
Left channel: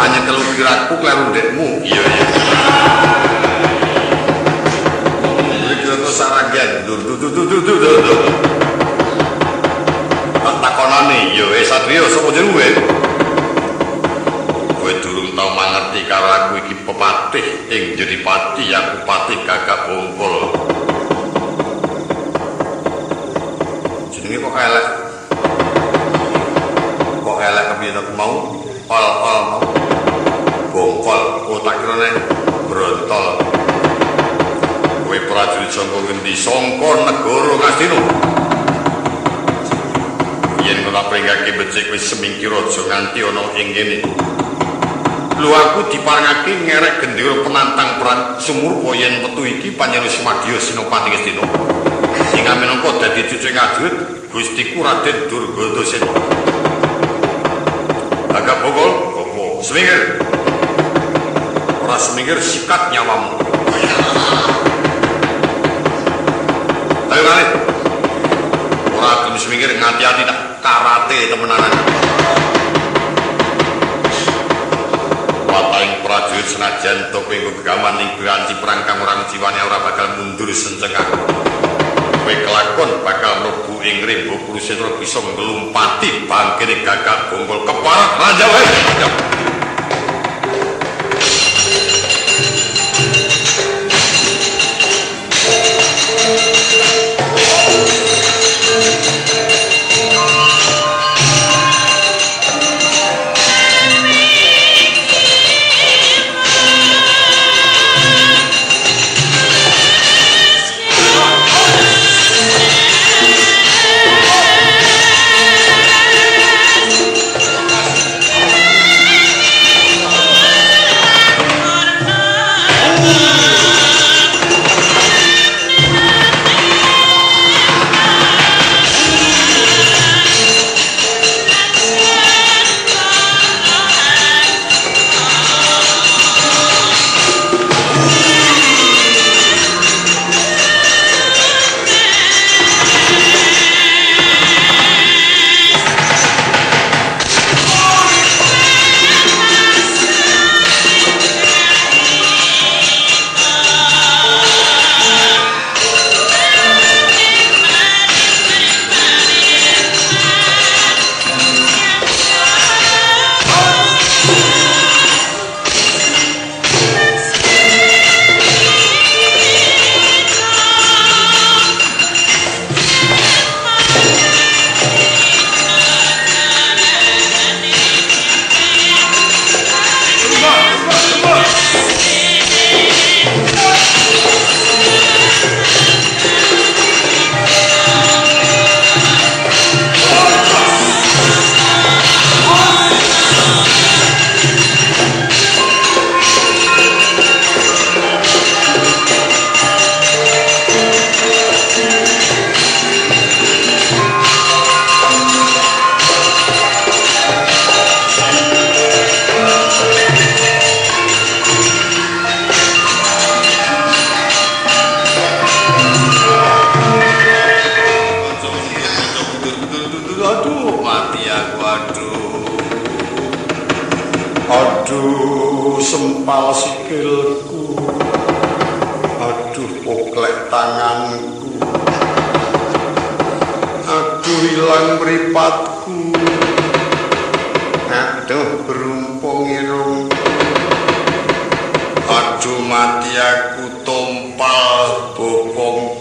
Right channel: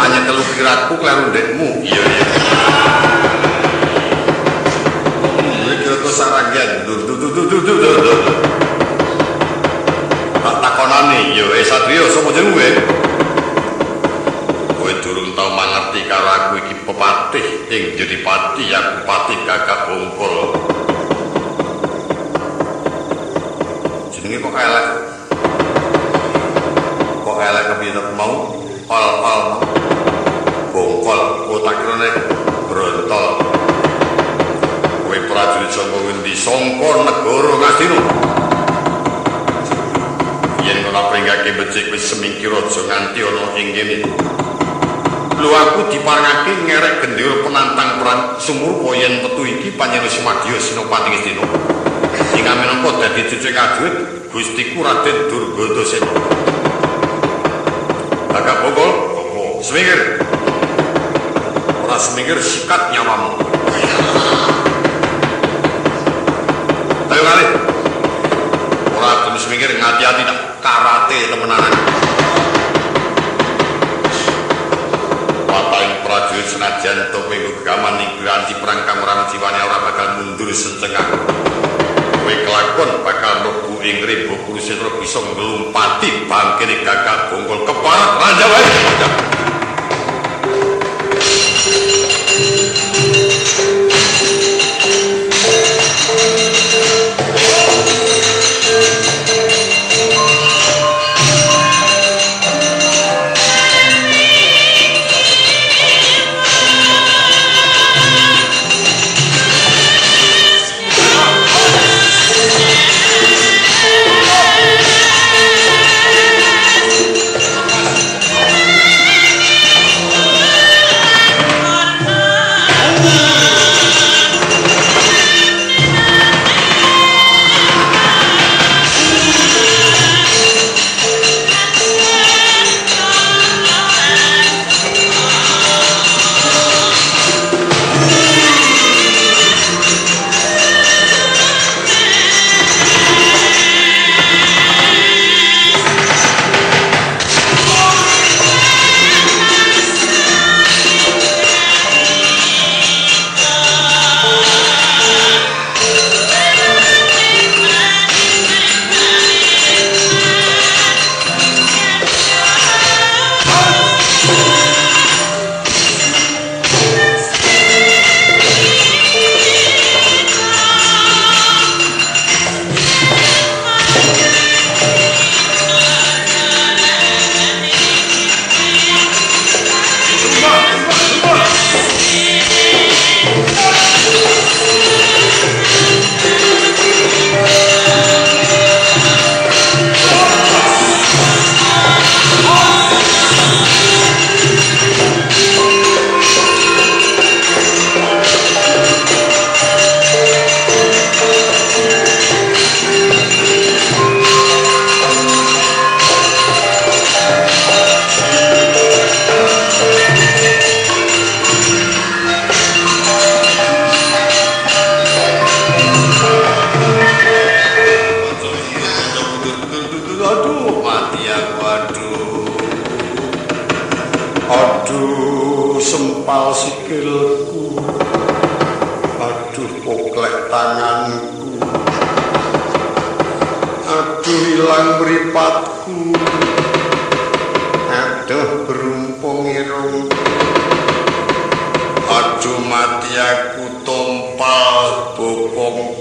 hanya telu kiraku kleru ndekmu iya mundure kira-kira sak ranggeh dur tak takonane yo Satrio sapa jenengmu durung tau mangerti karo aku iki pepatih ing jadi pati aku patih Gagak Bongkol jenenge kok elek kepiye mau ol mau bongkol otak kirane brontol kowe prajurit saka ngendi saka negara Ngastina yen ora pringgake becik wis semingkir aja nganti ana ing kene lho aku diparengake ngerek gendera penantang perang sumurpa yen metu iki Panjenengan Sumadya Senopati Ngastina sing minangka dadi cucu ngajurit Gustiku Raden Durgadasena Gagak Bongkol opo semingkir ora semingkir sikat nyawamu ayo kali ora gelem semingkir ngati-ati tak karate temenanan Wataing prajurit senajan tope gegaman ning piranti perang kang ora jiwane ora bakal mundur sencengak. Kowe kelakon bakal mlebu ing Rembo Kurusetra bisa nglumpati bangkene Gagak Bongkol keparat raja wae. Aduh sempal sikilku, aduh poklek tanganku, aduh hilang mripatku, aduh berumpung irungku, aduh mati aku tompal bokong,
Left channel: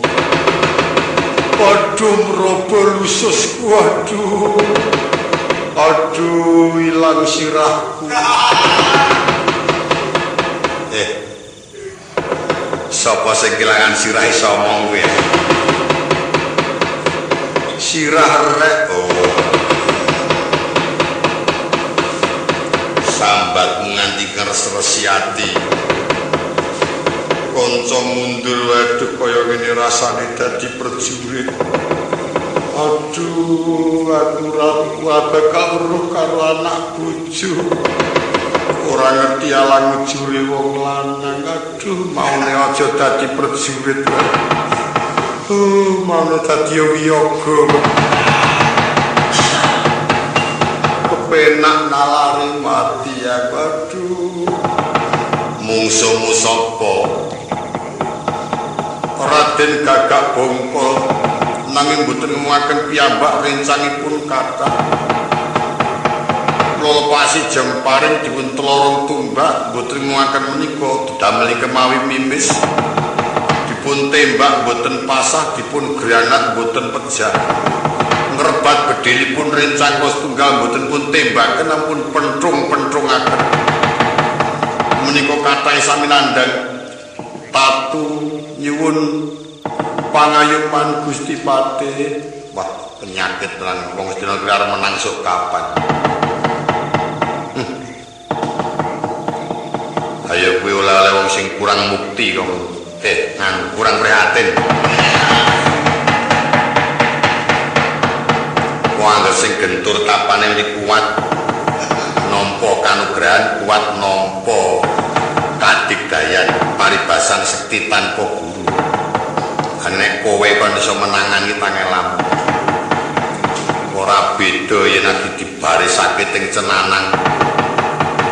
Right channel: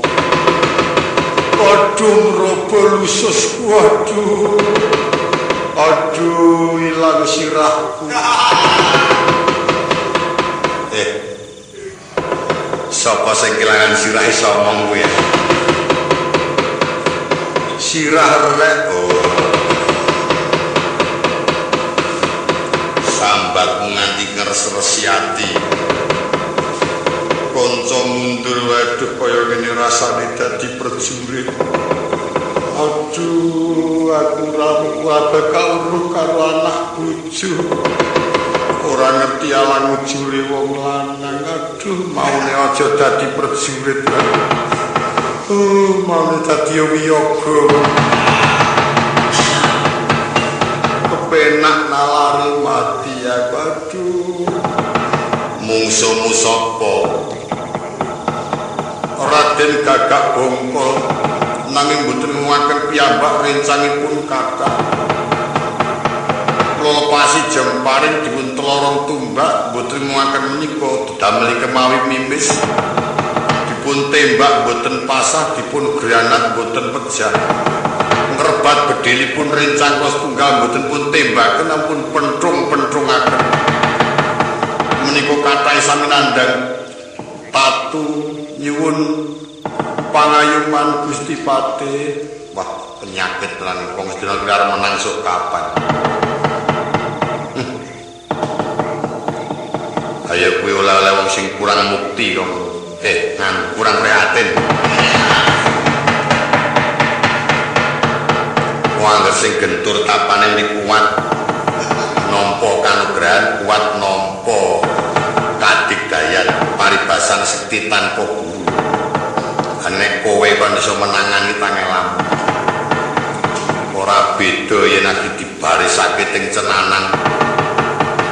aduh merobo lususku, aduh hilang sirahku. Sapa sing kelangan sirah iso omong kuwi? Sirah rek. Oh. Sambat nganti ngeres-resi ati. Kanca mundur waduh kaya ngene rasane dadi prajurit. Aduh, aku ora bakal weruh karo anak bojo. Ora ngerti alang ujure wong lanang. Aduh, maune aja dadi prajurit. Maune dadi wiyaga. Kepenak nalari mati aku. Aduh. Mungsumu sapa? Raden Gagak Bongkol. Nanging mboten ngomongaken piyambak rencangipun kathah. Kula lepasi jemparing dipun telorong tumbak mboten ngomongaken menika damel kemawi mimis. Dipun tembak mboten pasah, dipun granat mboten pejah. Ngrebat bedilipun rencang kos tunggal mboten pun tembaken ampun pentrung-pentrungaken. Menika kathah sami nandhang tatu nyuwun pangayuman Gusti Patih. Wah, penyakit lan wong sedina kuwi arep menang sok kapan. Ayo kuwi oleh-oleh wong sing kurang mukti kok. Kurang prihatin. Wong angger sing gentur tapane mriki kuat. Nampa kanugrahan, kuat nampa kadigdayan, paribasan sekti tanpa guru. Nek kowe kon iso menangani tangelamu. Ora beda yen lagi dibarisake teng cenanang.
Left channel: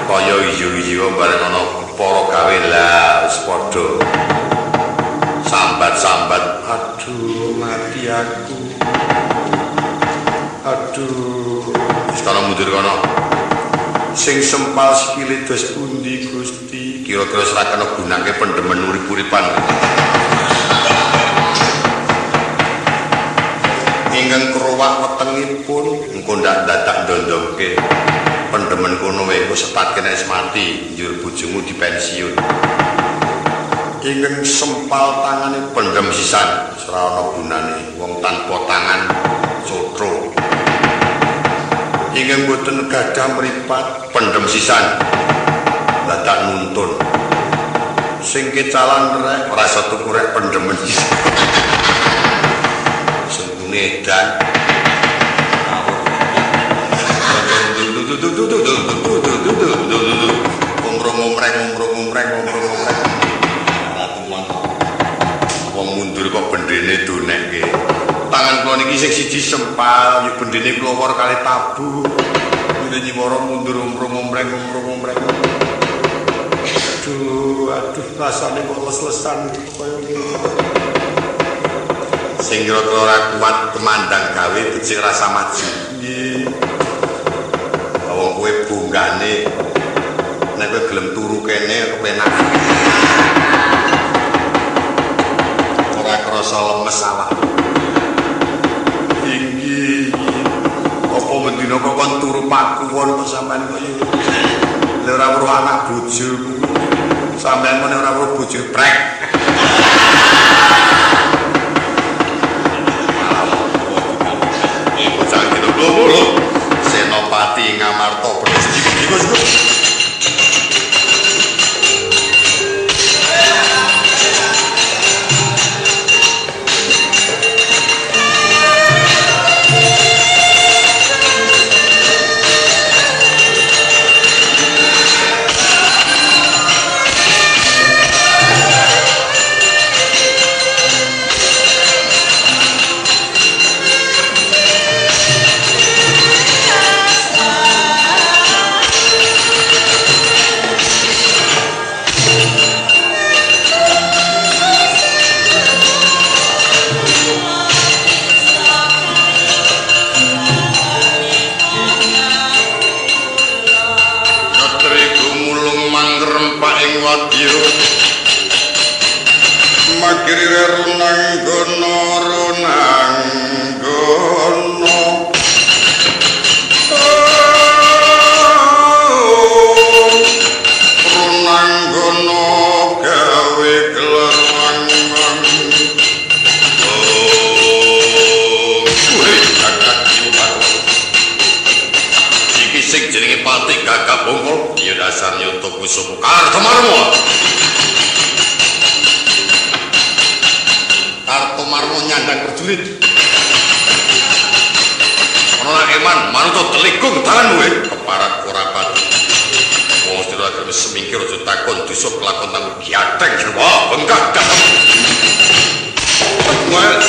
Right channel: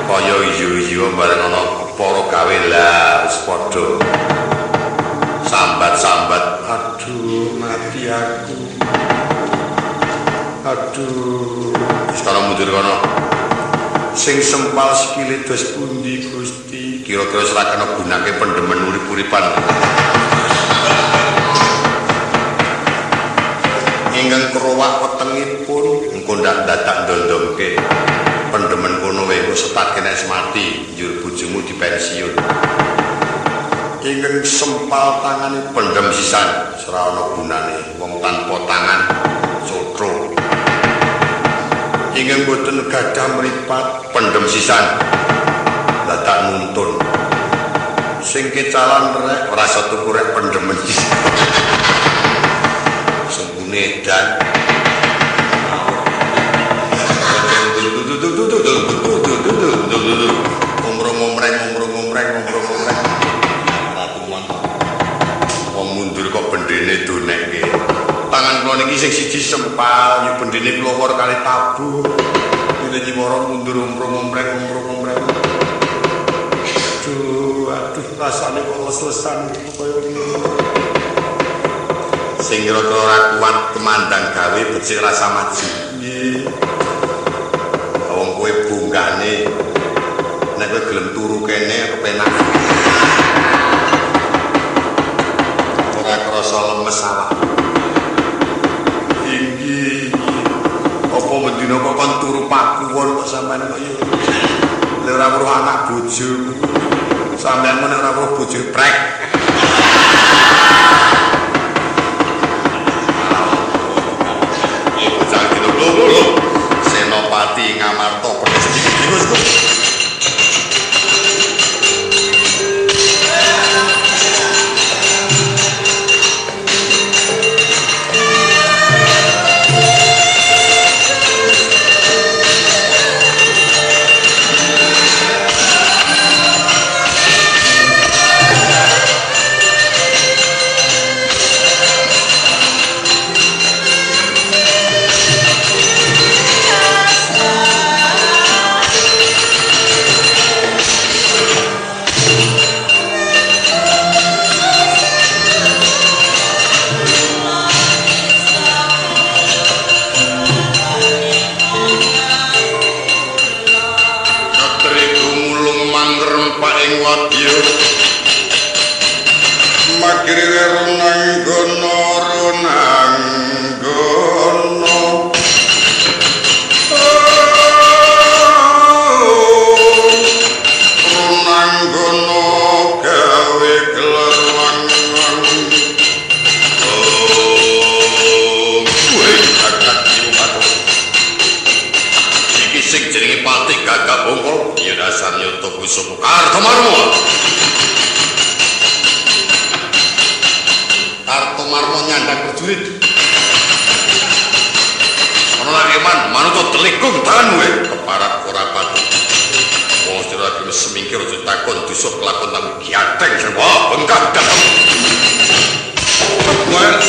Kaya iyo-iyo bareng ana kepara gawe lah wis padha. Sambat-sambat, aduh mati aku. Aduh, wis kana mundur kana. Sing sempal sikile dos pundi Gusti? Kira-kira ora kena gunake pendemen urip-uripan. Ingkang kerowak wetengipun engko ndak dadak ndondomke pendemen kono wae engko setatke nek mati njur bojomu dipensiun. Ingkang sempal tangane pendem sisan ora ana gunane wong tanpa tangan cotro. Ingkang boten gadah mripat pendem sisan dadak nuntun. Sing kecalan rek ora iso tuku rek pendemen sisan. Nedan ngomrong-ngomreng ratuman wong mundur kok bendene donekke tangan kula niki sing siji sempal yo bendene klowor kali tabuh ngene nyiwara mundur ngomrong-ngomreng aduh rasane kok les-lesan kaya ngene sing kira-kira ora kuat kemandang gawe becik rasa maju. Nggih. Wong kowe bunggane nek kowe gelem turu kene kepenak. Ora krasa lemes awak. Inggih. Apa mendina kok kon turu pakuwon kok sampean kok yo. Lek ora weruh anak bojoku. Sampeyan nek ora weruh bojo prek. Lho, Senopati Ngamarta bener sedikit. ngrempak ing wadya magirire runanggono runanggono gawe gelar wangun sing jenenge Pati Gagak Bongkol ya dasar nyoto kuwi sapa Kartomarmo. Kartomarmo nyandang prajurit. Ana nak eman manut telikung tanganmu keparat ora pati. Wong sira gelem semingkir aja takon dosa kelakon tamu giateng serba bengkak datem. Well.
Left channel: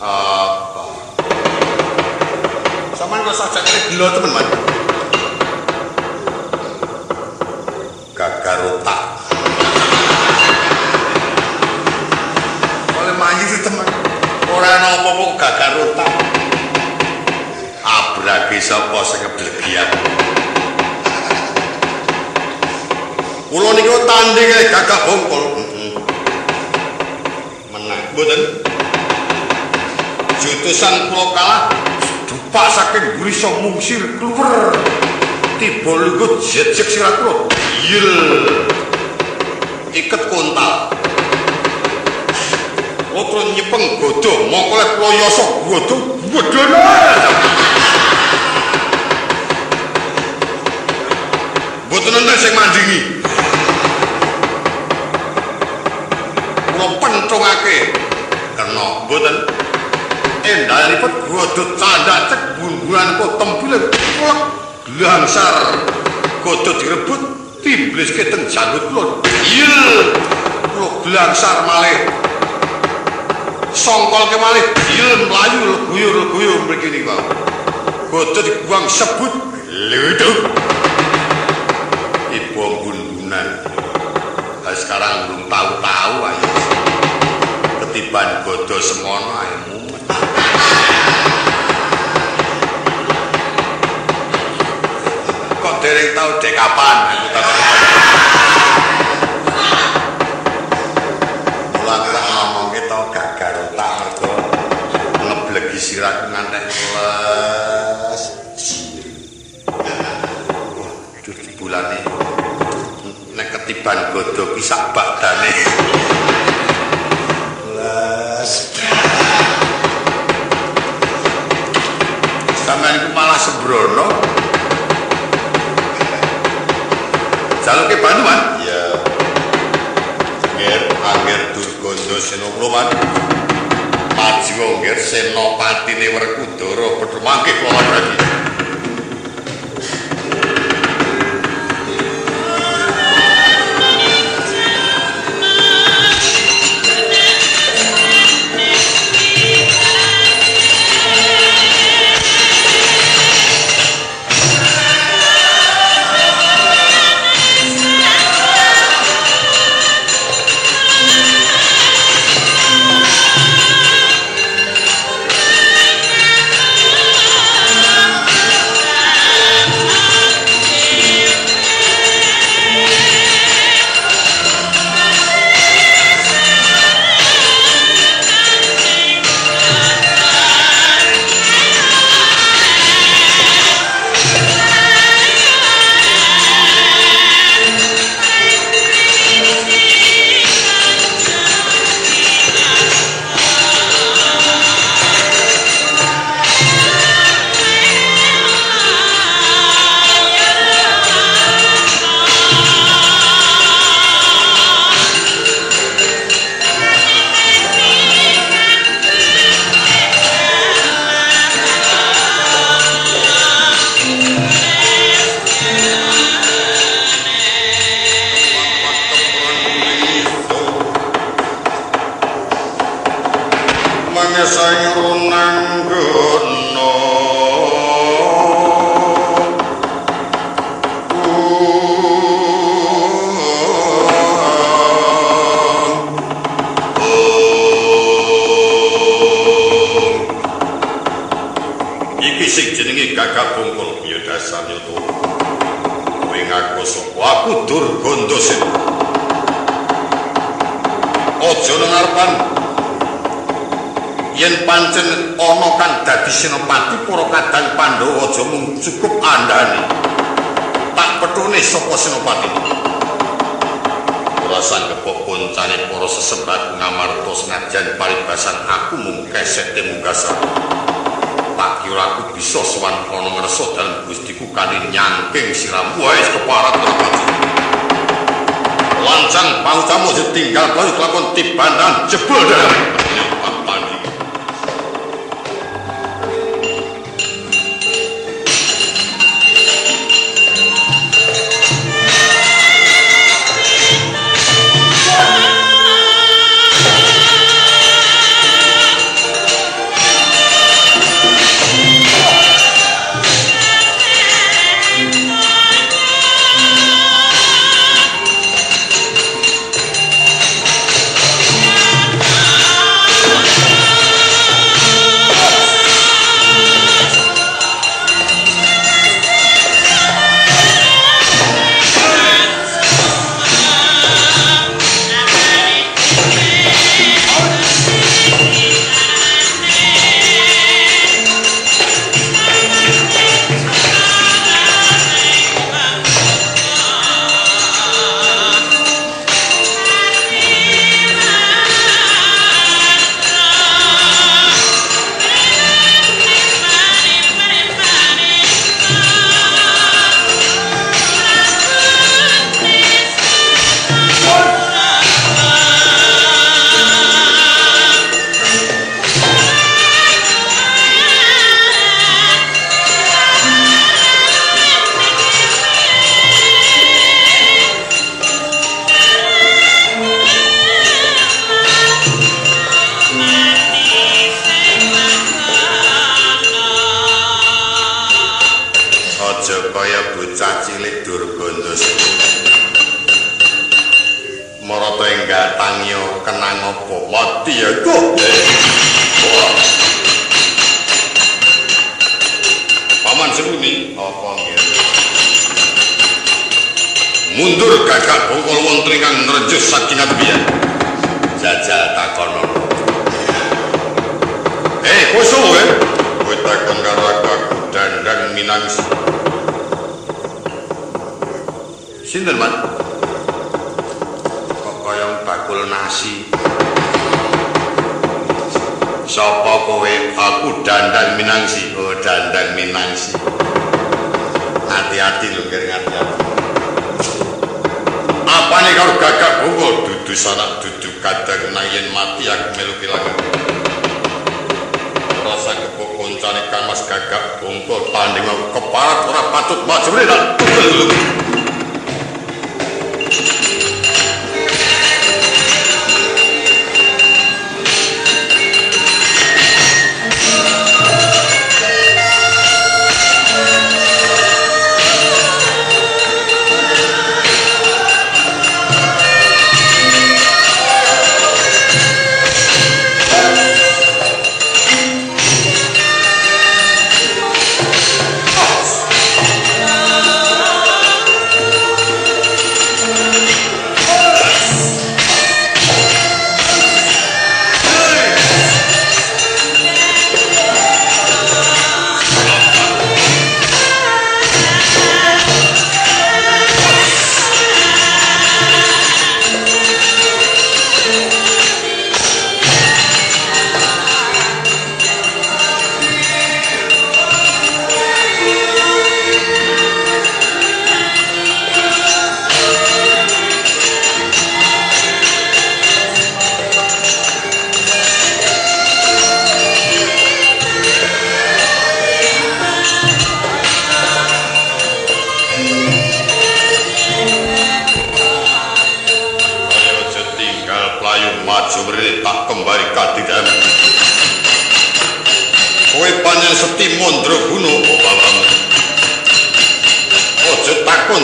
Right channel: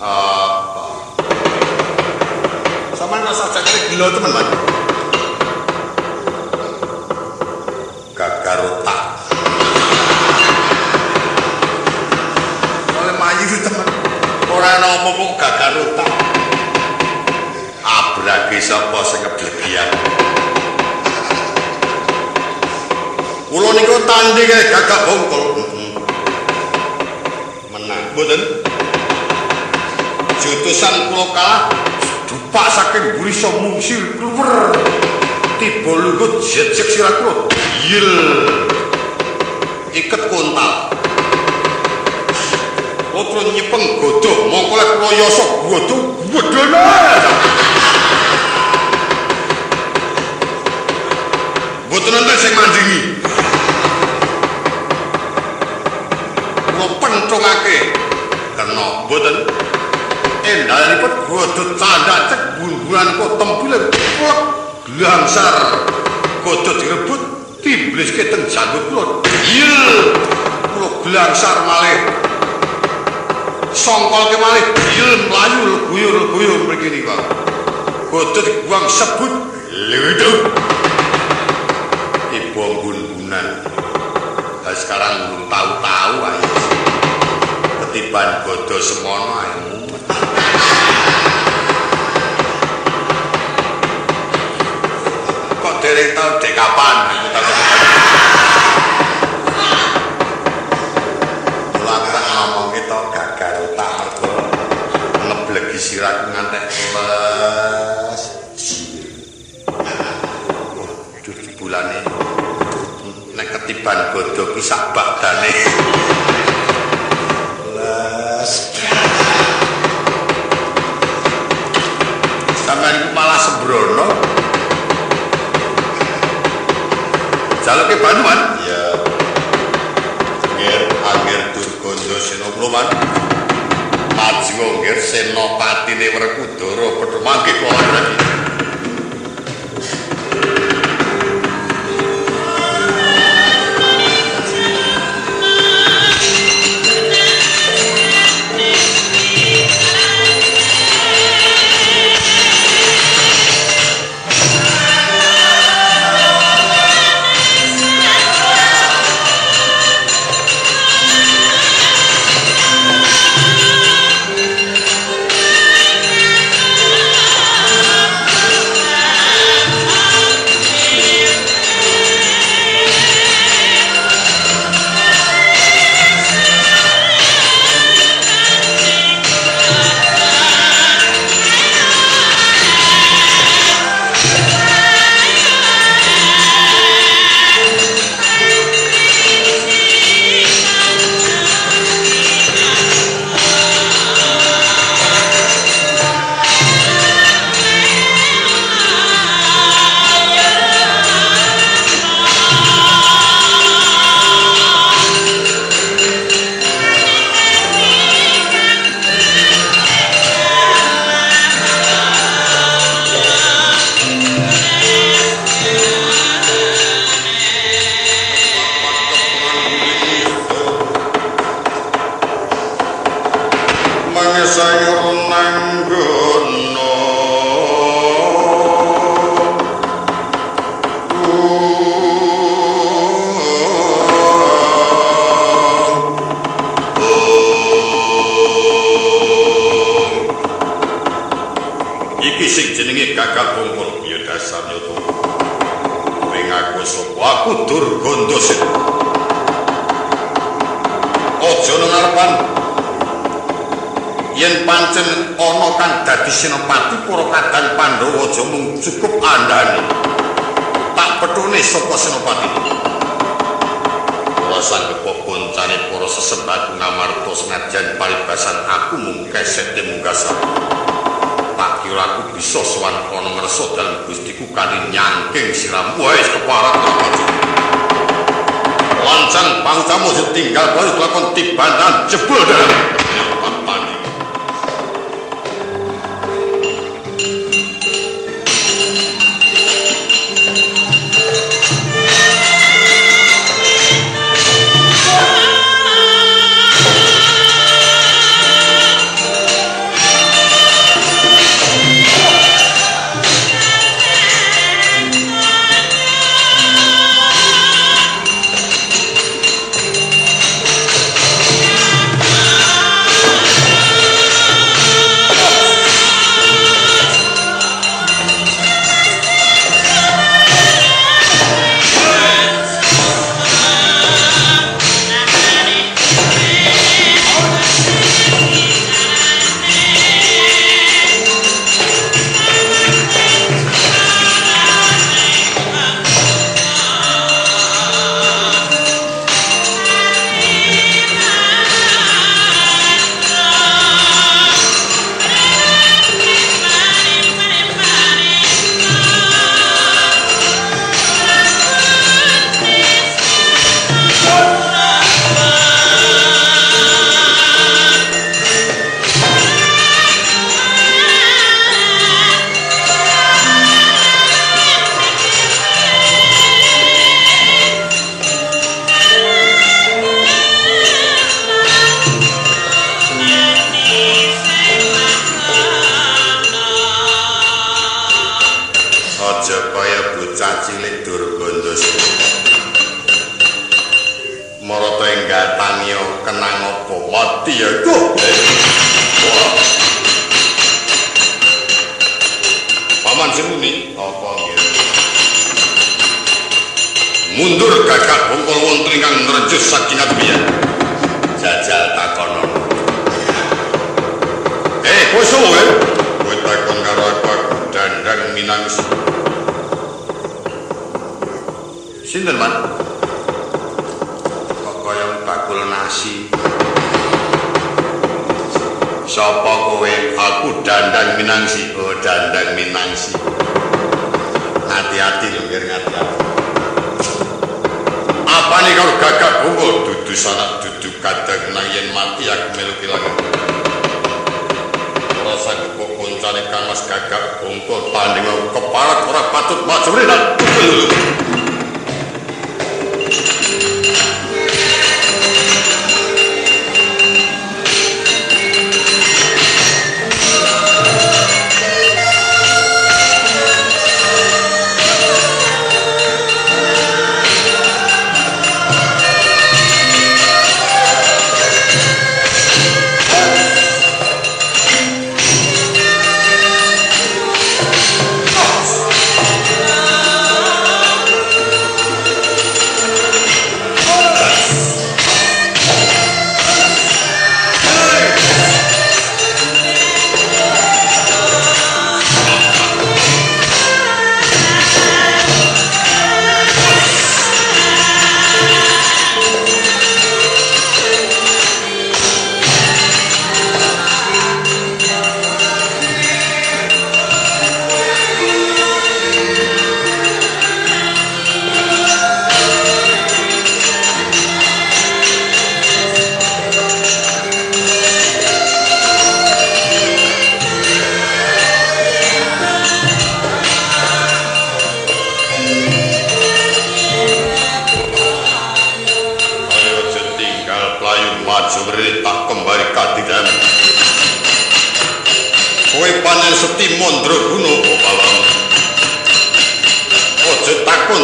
Apa? Saman rasa cakre gila teman, Man. Gagarota. Oleh mayu teman. Ora ana apa-apa gagarota. Abrage sapa sing ngeblegi aku. Kula niku tanding Gagak Bongkol. Menang. Mboten. Jutusan kula kalah dupak saking gurisa mungsir kluwer. Tiba lugut jejeg sirah kula. Yil. Iket kontal. Kula nyepeng godho mongko lek kula yosok godho wedene. Mboten enten sing mandingi. Kula penthungake kena mboten endalipun godho candak cek bun-bunan kok tempile plek glangsar godho direbut timbliske teng janggut kula. Iya kula glangsar malih. Songkol ke malih dilem mlayu leguyur-leguyur mriki niku. Bodho dibuang sebut leweduk. Ibu bun-bunan. Sekarang belum tahu-tahu ayo. Ketiban bodho semono ayo mumet. Kok dereng tahu dek kapan aku tak aku tak ngomong kita gagal otak mergo ngeblegi sirahku ngantek les wah di bulane nek ketiban godho ki sak badane les sampeyan iku malah sembrono jaluke Banduan iya Angger Durganda Senopati maju angger senopatine Werkudara padha mangke kula Bradi Gagak bungkul ya dasar nyoto kowe ngaku sapa aku Durganda Senopati aja nang ngarepan yen pancen ana kang dadi senopati para kadang Pandhawa aja mung cukup andhane tak petune sapa senopati ora sanggepok koncane para sesembaku Ngamarta senajan paribasan aku mung kesete munggasari tak kira aku bisa sowan ana ngresa dalem Gustiku kanthi nyangking siram wis keparat Senopati lancang pangutamu ditinggal baru kelakon tibanan jebul dalam pandi jajal tangio kenang apa mati ya kok. Wah. Paman Semuni apa nggih? Mundur gagak bongkol wonten ingkang nrenjus saking adebian. Jajal takonon. Kowe sopo kowe? Kowe takon karo aku Dandang Minangsi. Sinten, Man? Kok kaya bakul nasi. Sapa kowe? Aku Dandang Minangsi. Oh, Dandang Minangsi. Hati-hati lho, nggih hati-hati. Apane karo gagak bongkol dudu sanak dudu kadang nang yen mati aku melu kelangan. Ora sanggep koncane Kang Mas gagak bongkol tanding keparat ora patut maju rene tak tugel lho.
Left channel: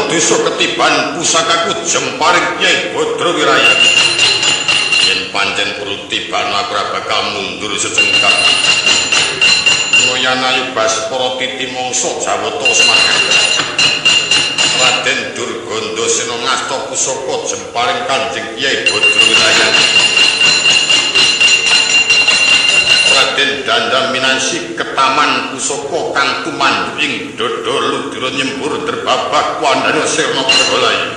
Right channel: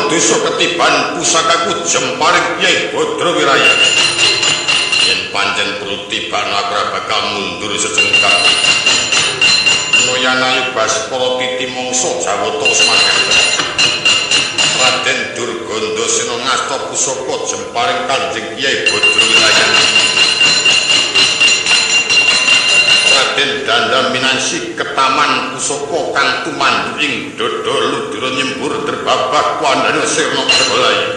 Dosa ketiban pusakaku jemparing Kyai Badra Wiraya. Yen pancen perlu tibano aku ora bakal mundur secengkak. Noyan ayu Baskara titi mangsa Jawata semangat. Raden Durgandasena ngasta pusaka jemparing Kanjeng Kyai Badra Wiraya. Raden Dandang Minangsi ketaman pusaka kang tumandu ing dada ludira nyembur derbabak wandane sirna pergolayu.